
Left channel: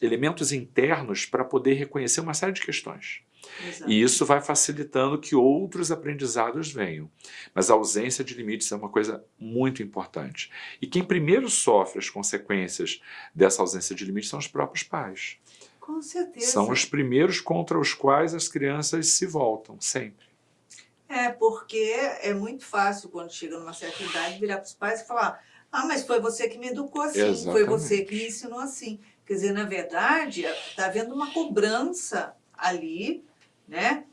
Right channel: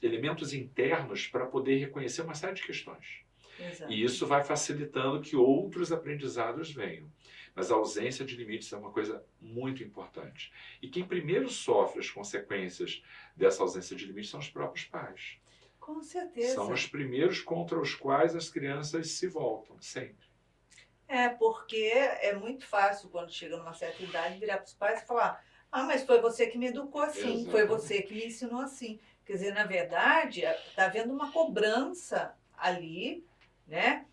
elementos internos para poder reconhecer uma série de questões. Exato. E isso vai facilitando que outros aprendizados venham. Mas a ausência de limites é uma coisa muito importante. E quem primeiro sofre as consequências dessa ausência de limites são os próprios pais. Com certeza. São os primeiros contra os quais as crianças se voltam, sempre. Porque é muito fácil, quando chega numa certa idade, virar para os pais e falar: ah, mas foi você que me educou assim, Exatamente. foi você que me ensinou assim. Quer dizer, na verdade, está havendo uma cobrança ali, né?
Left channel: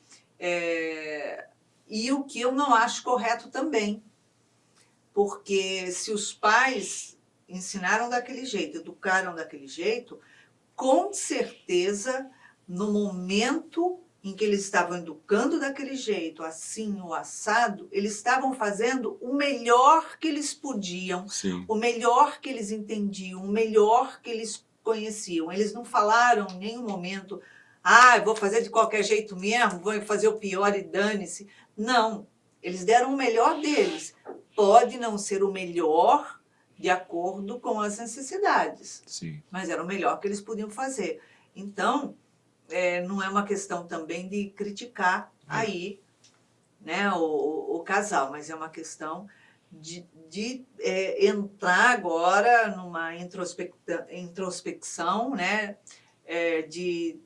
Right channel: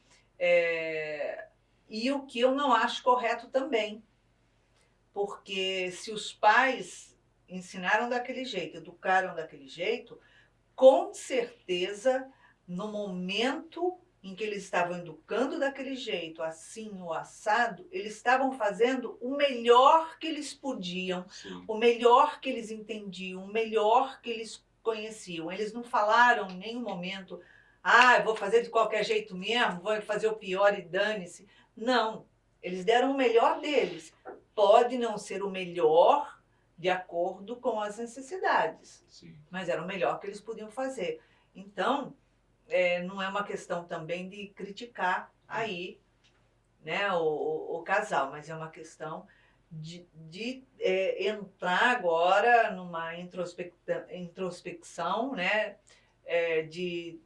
E o que eu não acho correto também. Porque se os pais ensinaram daquele jeito, educaram daquele jeito, com certeza, no momento em que eles estavam educando daquele jeito, assim ou assado, eles estavam fazendo o melhor que eles podiam, Sim. o melhor que eles entendiam, o melhor que eles conheciam. Eles não falaram em nenhum momento: ah, eu vou fazer de qualquer jeito mesmo, vou fazer o pior e dane-se. Não, eles deram o melhor deles. Pode não ser o melhor de acordo com as necessidades, Sim. mas era o melhor que eles podiam fazer. Então, não é uma questão também de criticar aí, né, o casal, mas é uma questão de entrar agora numa introspecção, né, de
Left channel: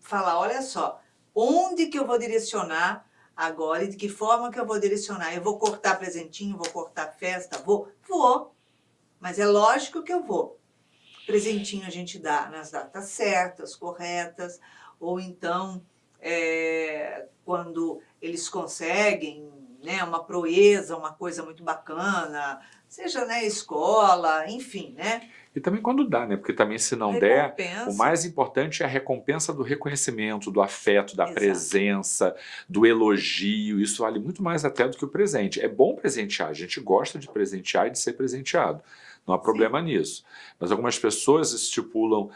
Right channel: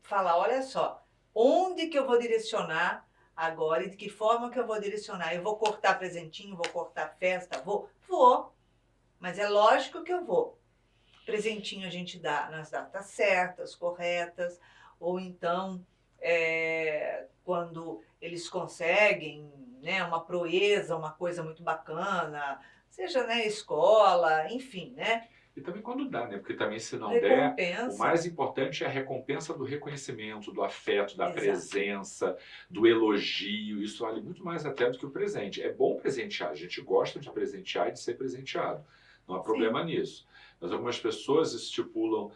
falar: olha só, onde que eu vou direcionar agora e de que forma que eu vou direcionar? Eu vou cortar presentinho, vou cortar festa? Vou, mas é lógico que eu vou. Presentinho a gente dá nas datas certas, corretas, ou então quando eles conseguem, né, uma proeza, uma coisa muito bacana, seja na escola, enfim, né? E também quando dá, né? Porque também se não der, Recompensa. o mais importante é a recompensa do reconhecimento, do afeto, da Exato. presença, do elogio. Isso vale muito mais até do que o presente. É bom presentear, a gente gosta de presentear e de ser presenteado. Não há problema nisso. Mas algumas pessoas estipulam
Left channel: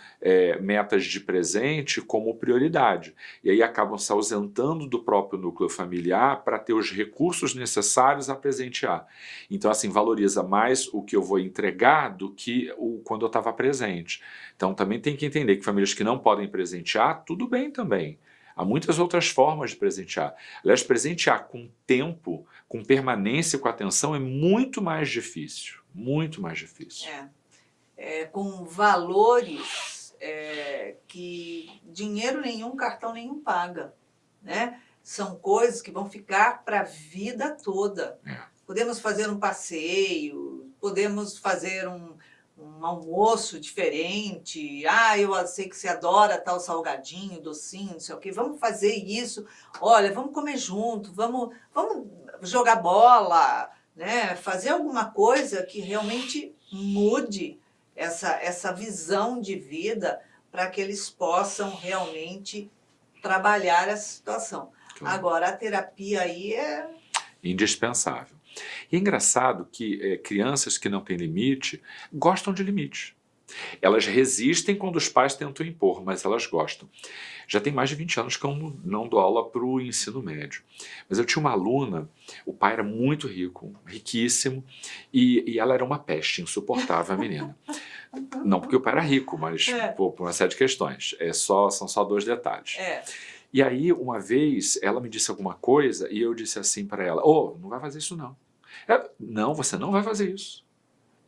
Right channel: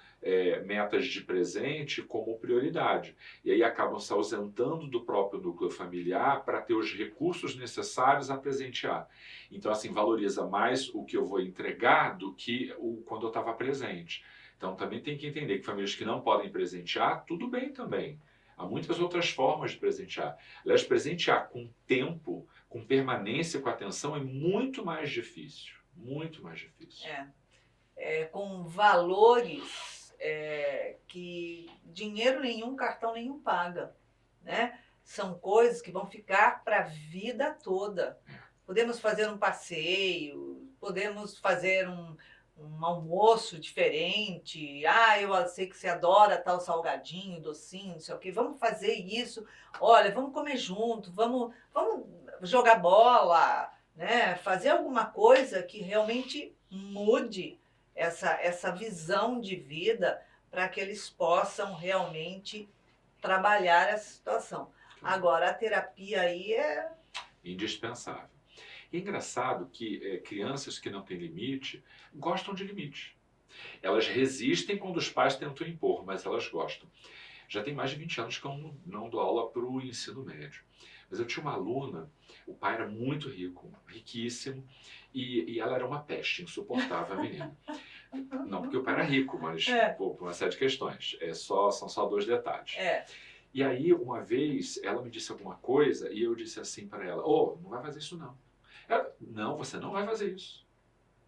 metas de presente como prioridade. E aí acabam se ausentando do próprio núcleo familiar para ter os recursos necessários a presentear. Então, assim, valoriza mais o que eu vou entregar do que quando eu estava presente. Então, também tem que entender que famílias que não podem presentear, tudo bem também. Há muitas outras formas de presentear. Aliás, presentear com tempo, com permanência, com atenção, é muito mais difícil. Muito mais difícil. Com valores que dinheiro nenhum, cartão nenhum paga, né? São coisas que vão ficar para a vida toda. Podemos fazer um passeio, podemos fazer um almoço diferente. Ah, eu sei que você adora tal salgadinho, docinho, não sei o quê. Vamos fazer isso. Olha, vamos comer junto, vamos jogar bola, né? Fazer alguma coisa que realmente mude essa visão de vida para que eles possam realmente trabalhar essa situação. Agora, a terapia aí é indispensável. E é engraçado que crianças que não têm limite gostam de limite. Elas resistem quando os pais tentam impor, mas elas gostam. Já tem mais de 20 anos que eu não dou aula para o ensino médio. Mas eu tinha uma aluna, o pai era muito rico, riquíssimo, e ela era uma peste, insuportável, a menina. Não porque o pai era rico, mas por uma série de questões. São só dois detalhes. E aí, uma vez, ela me disse alguma coisa e eu disse assim para ela: não vai fazer isso não. Ela: não, você não vai fazer isso.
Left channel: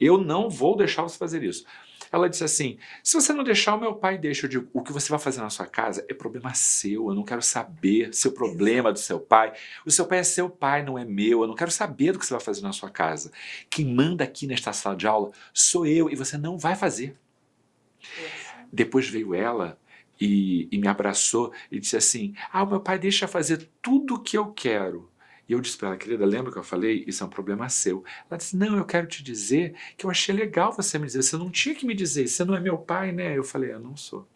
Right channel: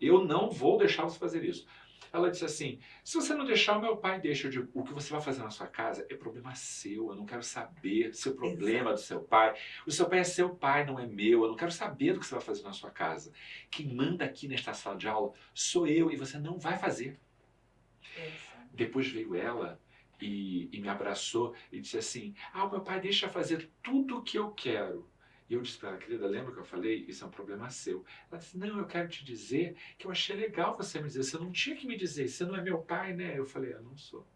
Eu não vou deixar você fazer isso. Ela disse assim: se você não deixar, o meu pai deixa. Eu digo: o que você vai fazer na sua casa é problema seu, eu não quero saber seu problema do seu pai. O seu pai é seu pai, não é meu. Eu não quero saber do que você vai fazer na sua casa. Quem manda aqui nesta sala de aula sou eu e você não vai fazer. Depois veio ela e me abraçou e disse assim: o meu pai deixa fazer tudo o que eu quero. E eu disse para ela: querida, lembra que eu falei? Isso é um problema seu. Ela disse: não, eu quero te dizer que eu achei legal você me dizer. Você não tinha que me dizer, você não é meu pai, né? Eu falei: eu não sou.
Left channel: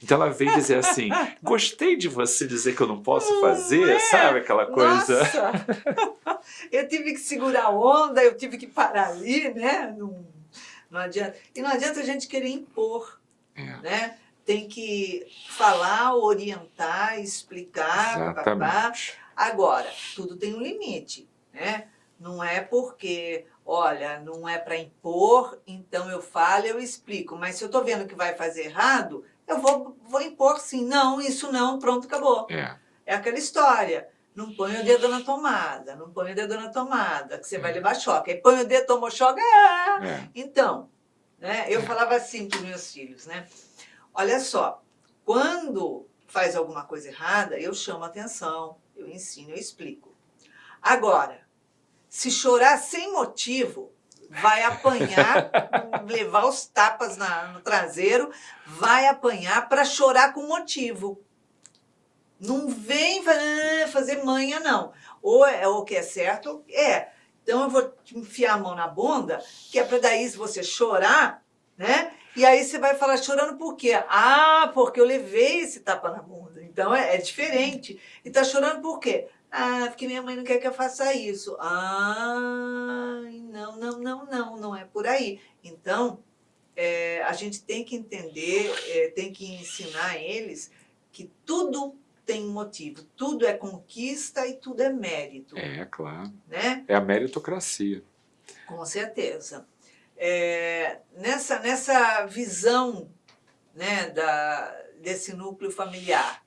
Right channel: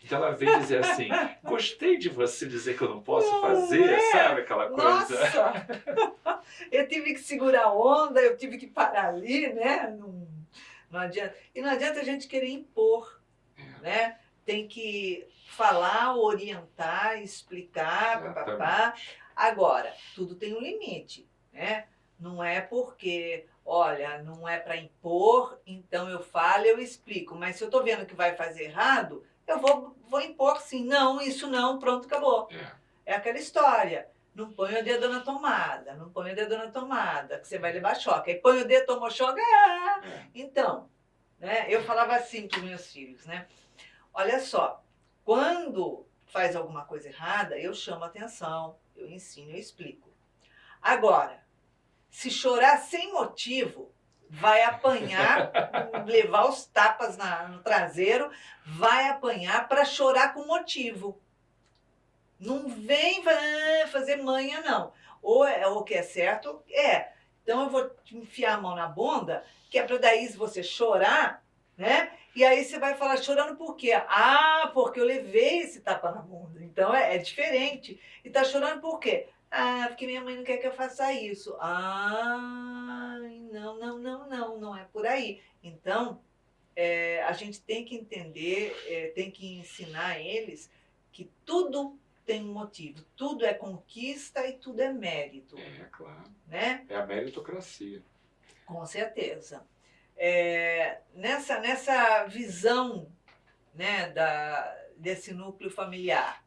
Então ela veio dizer assim: gostei de você dizer que eu não posso fazer, sabe aquela coisa? Nossa! Eu tive que segurar a onda, eu tive que parar ali, né? Não adianta. E não adianta a gente querer impor, né? tem que falar, orientar, explicar, papapá. Exatamente. Agora, tudo tem um limite, né? Não é porque, olha, não é para impor, então eu falo, eu explico. Mas se eu estou vendo que vai fazer errado, eu vou impor sim. Não, isso não, pronto, acabou. É, É aquela história. Não põe o dedo na tomada, não põe o dedo na tomada, que você vai levar choque. Aí põe o dedo, tomou choque, é. Então, né? Eu falava assim para os meus filhos, né? Olha só, quando faz alguma coisa errada, eu chamo a atenção, eu ensino, eu explico. Agora, se chorar sem motivo, vai apanhar, levar os tapas no traseiro, vai apanhar para chorar com motivo. Não vem fazer manha, não. Ou é o que é certo, é. Então eu vou te enfiar a mão na bunda, que é para daí se você chorar, né? E aí você vai falar chorando por quê? Ah, porque eu levei esse tapa na bunda. Então é diferente. E tá chorando por quê? Ah, porque minha mãe não quer que eu faça isso. Ah, não é por aí. Então, a gente tem que entender, tem que ensinar eles que tudo tem um motivo, tudo é conquista e tudo é mérito, É, claro. né? É a meritocracia. Com certeza. Nessa visão, né, desse núcleo familiar,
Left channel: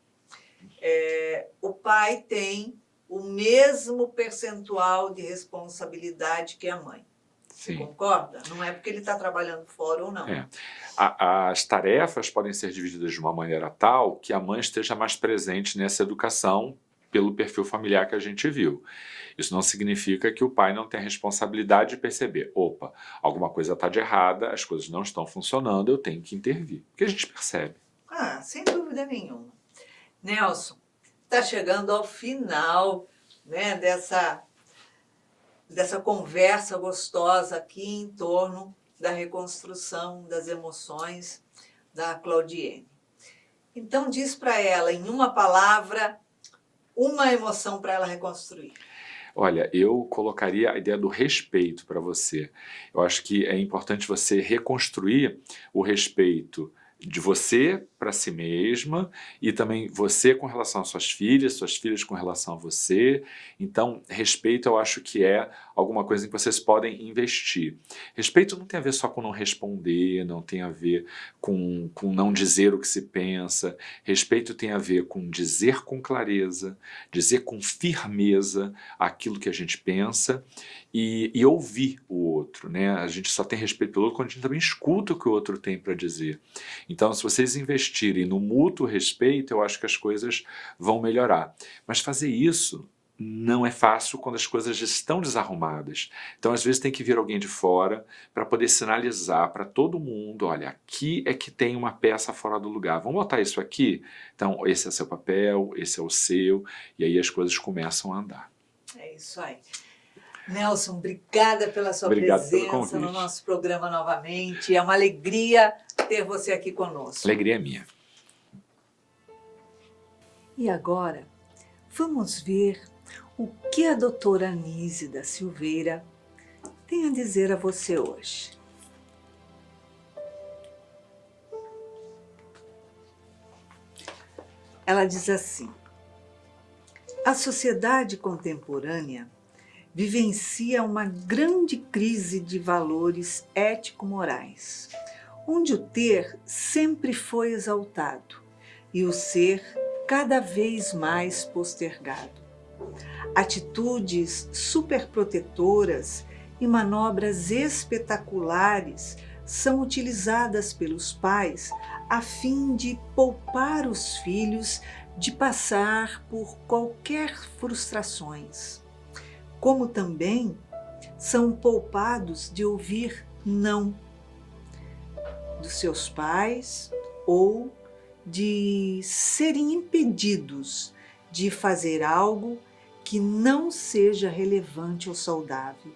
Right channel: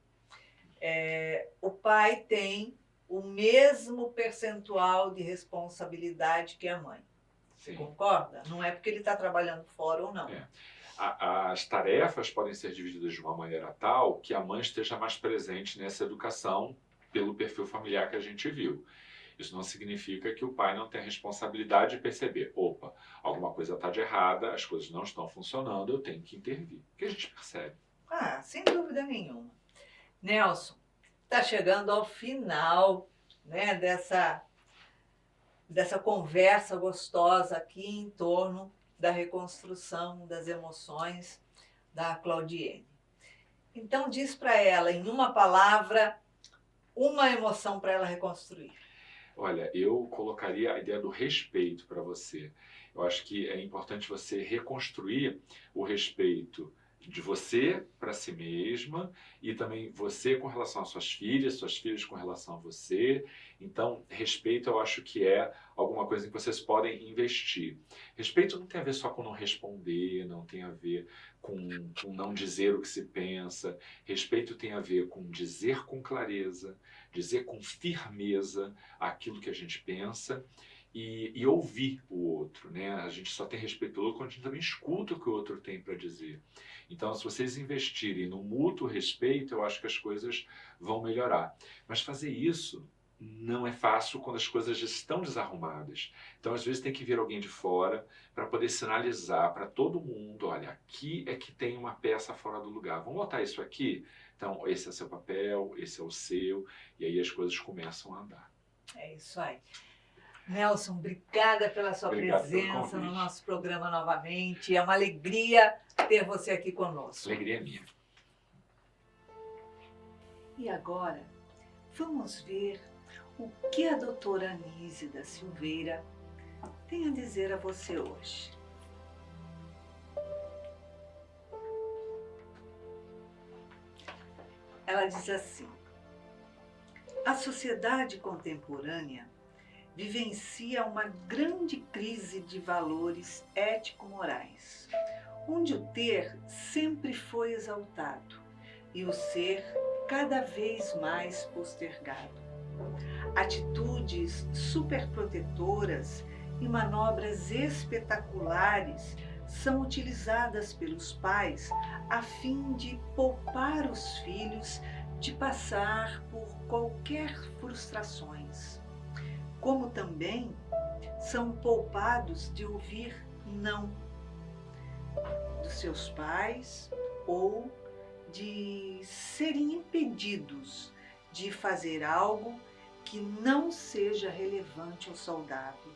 o pai tem o mesmo percentual de responsabilidade que a mãe. Você Sim. concorda? Não é porque ele está trabalhando fora ou não. É. As tarefas podem ser divididas de uma maneira tal que a mãe esteja mais presente nessa educação pelo perfil familiar que a gente viu. Isso não significa que o pai não tenha responsabilidade de perceber, opa, alguma coisa está de errada, as coisas não estão funcionando, eu tenho que intervir. Porque a gente percebe. Ah, sem dúvida nenhuma. Nelson, está chegando ao final, né, dessa conversa gostosa aqui em torno da reconstrução das emoções da Claudiene. Então diz para ela, em uma palavra, uma emoção para ela reconstruir. Olha, eu colocaria a ideia do respeito para você. Eu acho que é importante você reconstruir o respeito de você para si mesma e também você com relação às suas filhas com relação a você. Então, respeito eu acho que é alguma coisa em que vocês podem investir. Respeito não tem a ver só com não responder, não tem a ver com não dizer o que se pensa. Respeito tem a ver com dizer com clareza, dizer com firmeza aquilo que a gente pensa e ouvir o outro, né? A gente só tem respeito pelo outro quando a gente também escuta o que o outro tem para dizer. Então, se vocês investirem no mútuo respeito, eu acho que as coisas vão melhorar. Mas fazer isso não é fácil quando as coisas já estão desarrumadas. Então, às vezes, tem que vir alguém de fora para poder sinalizar para todo mundo, olha, aqui é que tem uma peça fora do lugar. Vamos botar isso aqui? Então, esse é seu papel, esse é o seu, e aí as coisas começam a andar. É isso aí. Nelson, obrigada pela sua Obrigado pelo presença no convite. nosso programa novamente. É uma alegria ter você aqui conosco. Alegria é minha. E agora, vamos ver o que a doutora Anísia da Silveira tem a dizer a você hoje. Ela diz assim: a sociedade contemporânea vivencia uma grande crise de valores ético-morais, onde o ter sempre foi exaltado e o ser cada vez mais postergado. Atitudes superprotetoras e manobras espetaculares são utilizadas pelos pais a fim de poupar os filhos de passar por qualquer frustrações, como também são poupados de ouvir não dos seus pais ou de serem impedidos de fazer algo que não seja relevante ou saudável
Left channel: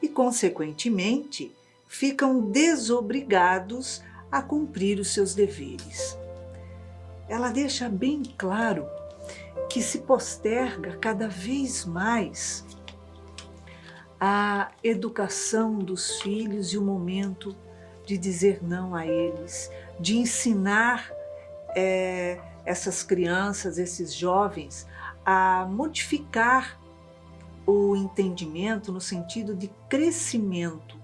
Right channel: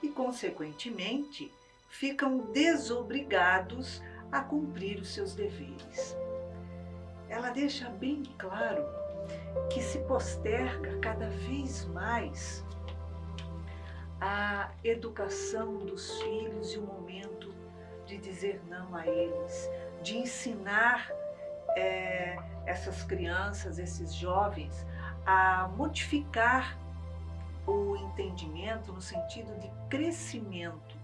e, consequentemente, ficam desobrigados a cumprir os seus deveres. Ela deixa bem claro que se posterga cada vez mais a educação dos filhos e o momento de dizer não a eles, de ensinar essas crianças, esses jovens, a modificar o entendimento no sentido de crescimento.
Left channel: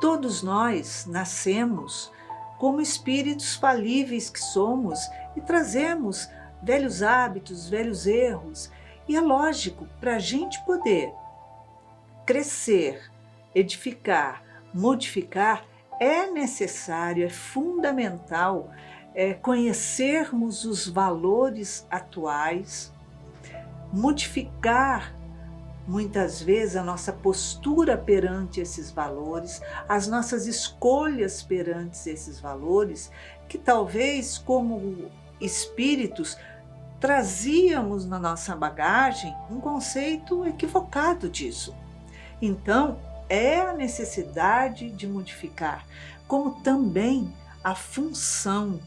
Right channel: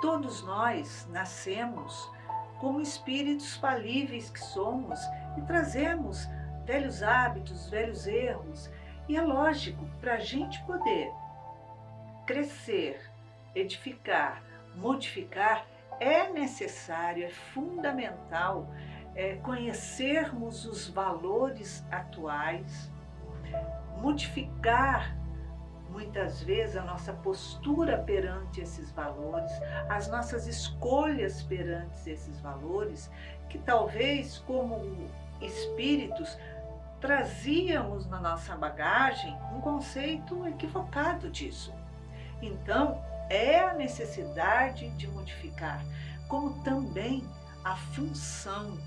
Todos nós nascemos como espíritos falíveis que somos e trazemos velhos hábitos, velhos erros. E é lógico, para a gente poder crescer, edificar, modificar, é necessário, é fundamental conhecermos os valores atuais, modificar muitas vezes a nossa postura perante esses valores, as nossas escolhas perante esses valores, que talvez como espíritos trazíamos na nossa bagagem um conceito equivocado disso. Então, é a necessidade de modificar, como também a função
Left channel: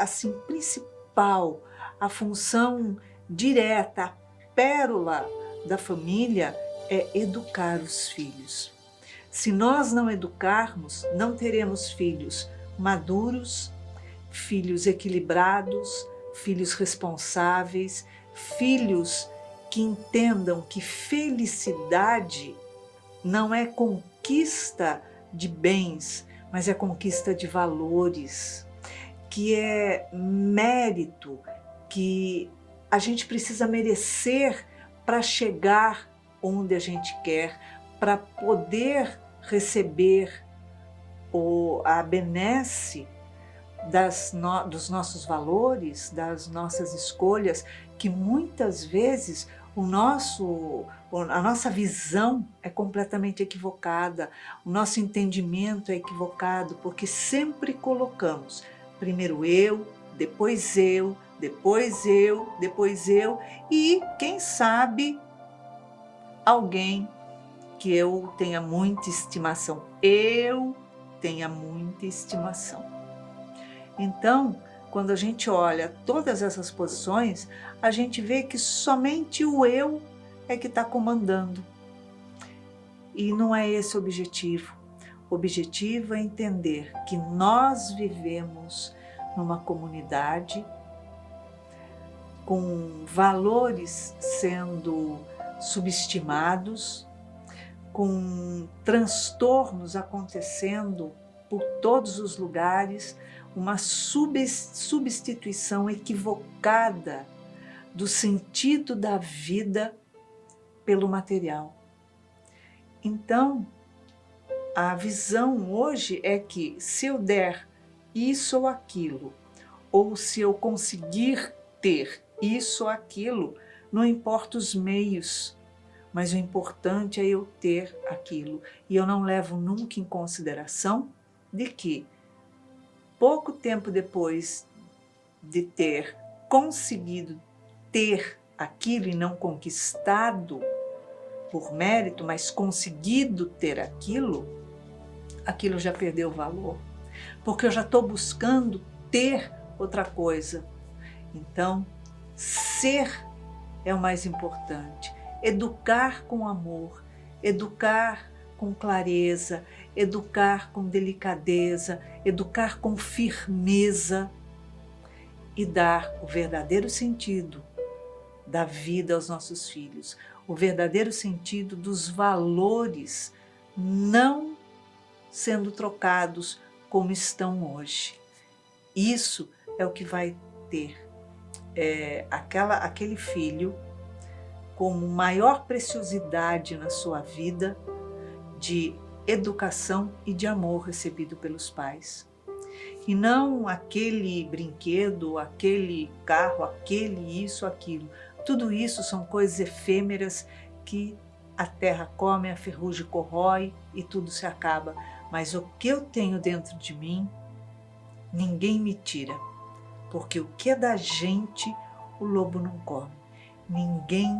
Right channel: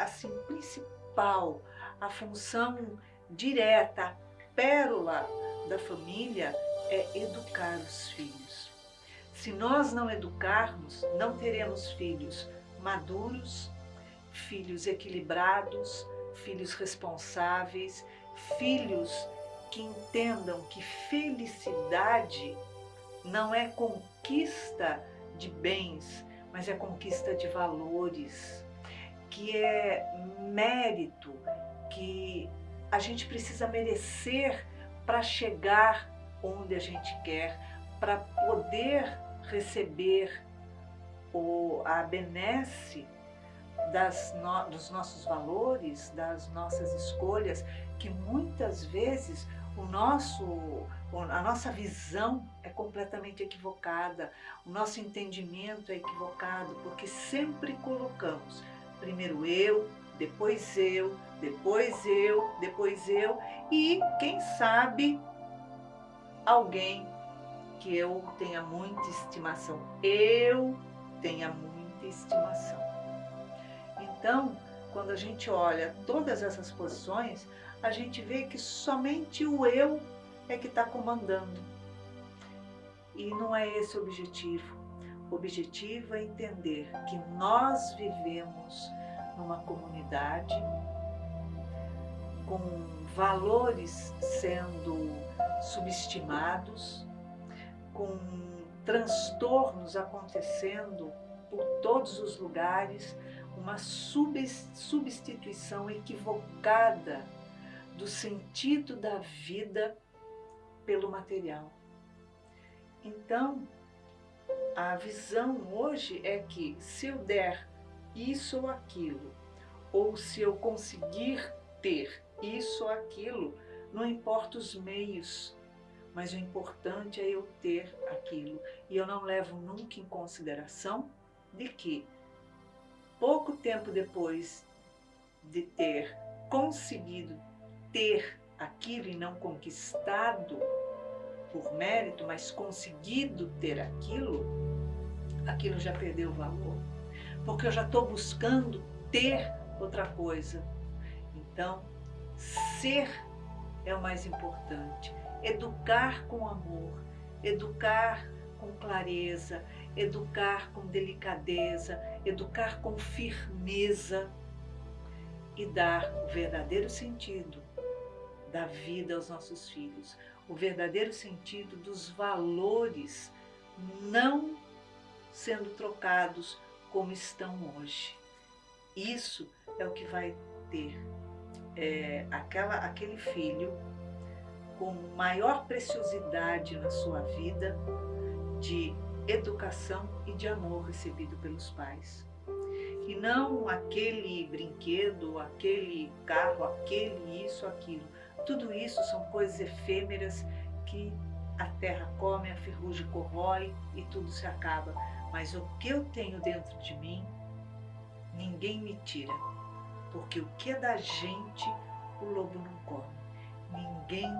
assim, principal, a função direta, a pérola da família é educar os filhos. Se nós não educarmos, não teremos filhos maduros, filhos equilibrados, filhos responsáveis, filhos que entendam que felicidade não é conquista de bens, mas é conquista de valores, que é mérito, que a gente precisa merecer para chegar onde a gente quer, para poder receber a benesse dos nossos valores, das nossas escolhas, que muitas vezes a nossa visão é completamente equivocada, o nosso entendimento é equivocado, porque sempre colocamos primeiro eu, depois eu, depois eu, depois eu e, quem sabe, alguém que eu tenha muita estimação. Eu tenha muita estimação. Então, quando a gente olha todas essas posições, a gente vê que somente o eu é que está comandando. E não é esse o objetivo. O objetivo é entender que nós vivemos numa comunidade com valores sendo subestimados, com transtornos acontecendo por todos os lugares, uma substituição equivocada do sentido da vida pelo material. Então, a visão hoje é que se eu der isso ou aquilo, ou se eu conseguir ter isso ou aquilo, não importa os meios, mas o importante é eu ter aquilo. E eu não levo nunca em consideração de que, pouco tempo depois de ter conseguido ter aquilo e não conquistado por mérito, mas conseguido ter aquilo já perdeu valor, porque eu já estou buscando ter outra coisa. Então, ser é o mais importante. Educar com amor, educar com clareza, educar com delicadeza, educar com firmeza e dar o verdadeiro sentido da vida aos nossos filhos, o verdadeiro sentido dos valores não sendo trocados como estão hoje. Isso é o que vai ter aquele filho como maior preciosidade na sua vida de educação e de amor recebido pelos pais. E não aquele brinquedo, aquele carro, aquele isso, aquilo. Tudo isso são coisas efêmeras que a terra come, a ferrugem corrói e tudo se acaba. Mas o que eu tenho dentro de mim, ninguém me tira. Porque o que é da gente, o lobo não come. Ninguém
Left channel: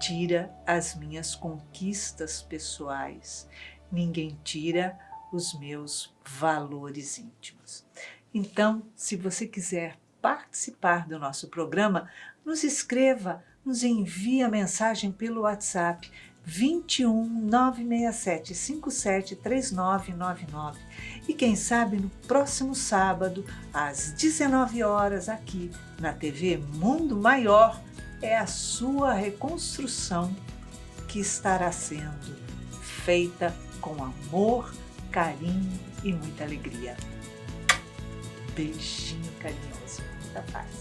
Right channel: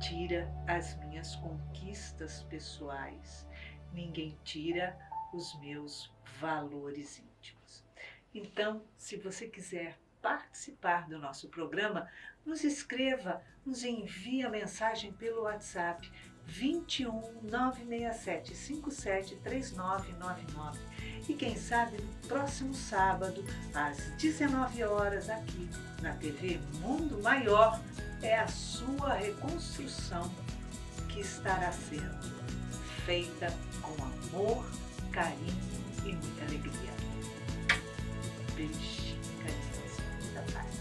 tira as minhas conquistas pessoais. Ninguém tira os meus valores íntimos. Então, se você quiser participar do nosso programa, nos escreva, nos envie a mensagem pelo WhatsApp 21 967 57 3999. E quem sabe no próximo sábado, às 19 horas, aqui na TV Mundo Maior, é a sua reconstrução que estará sendo feita com amor, carinho e muita alegria. Beijinho carinhoso da paz.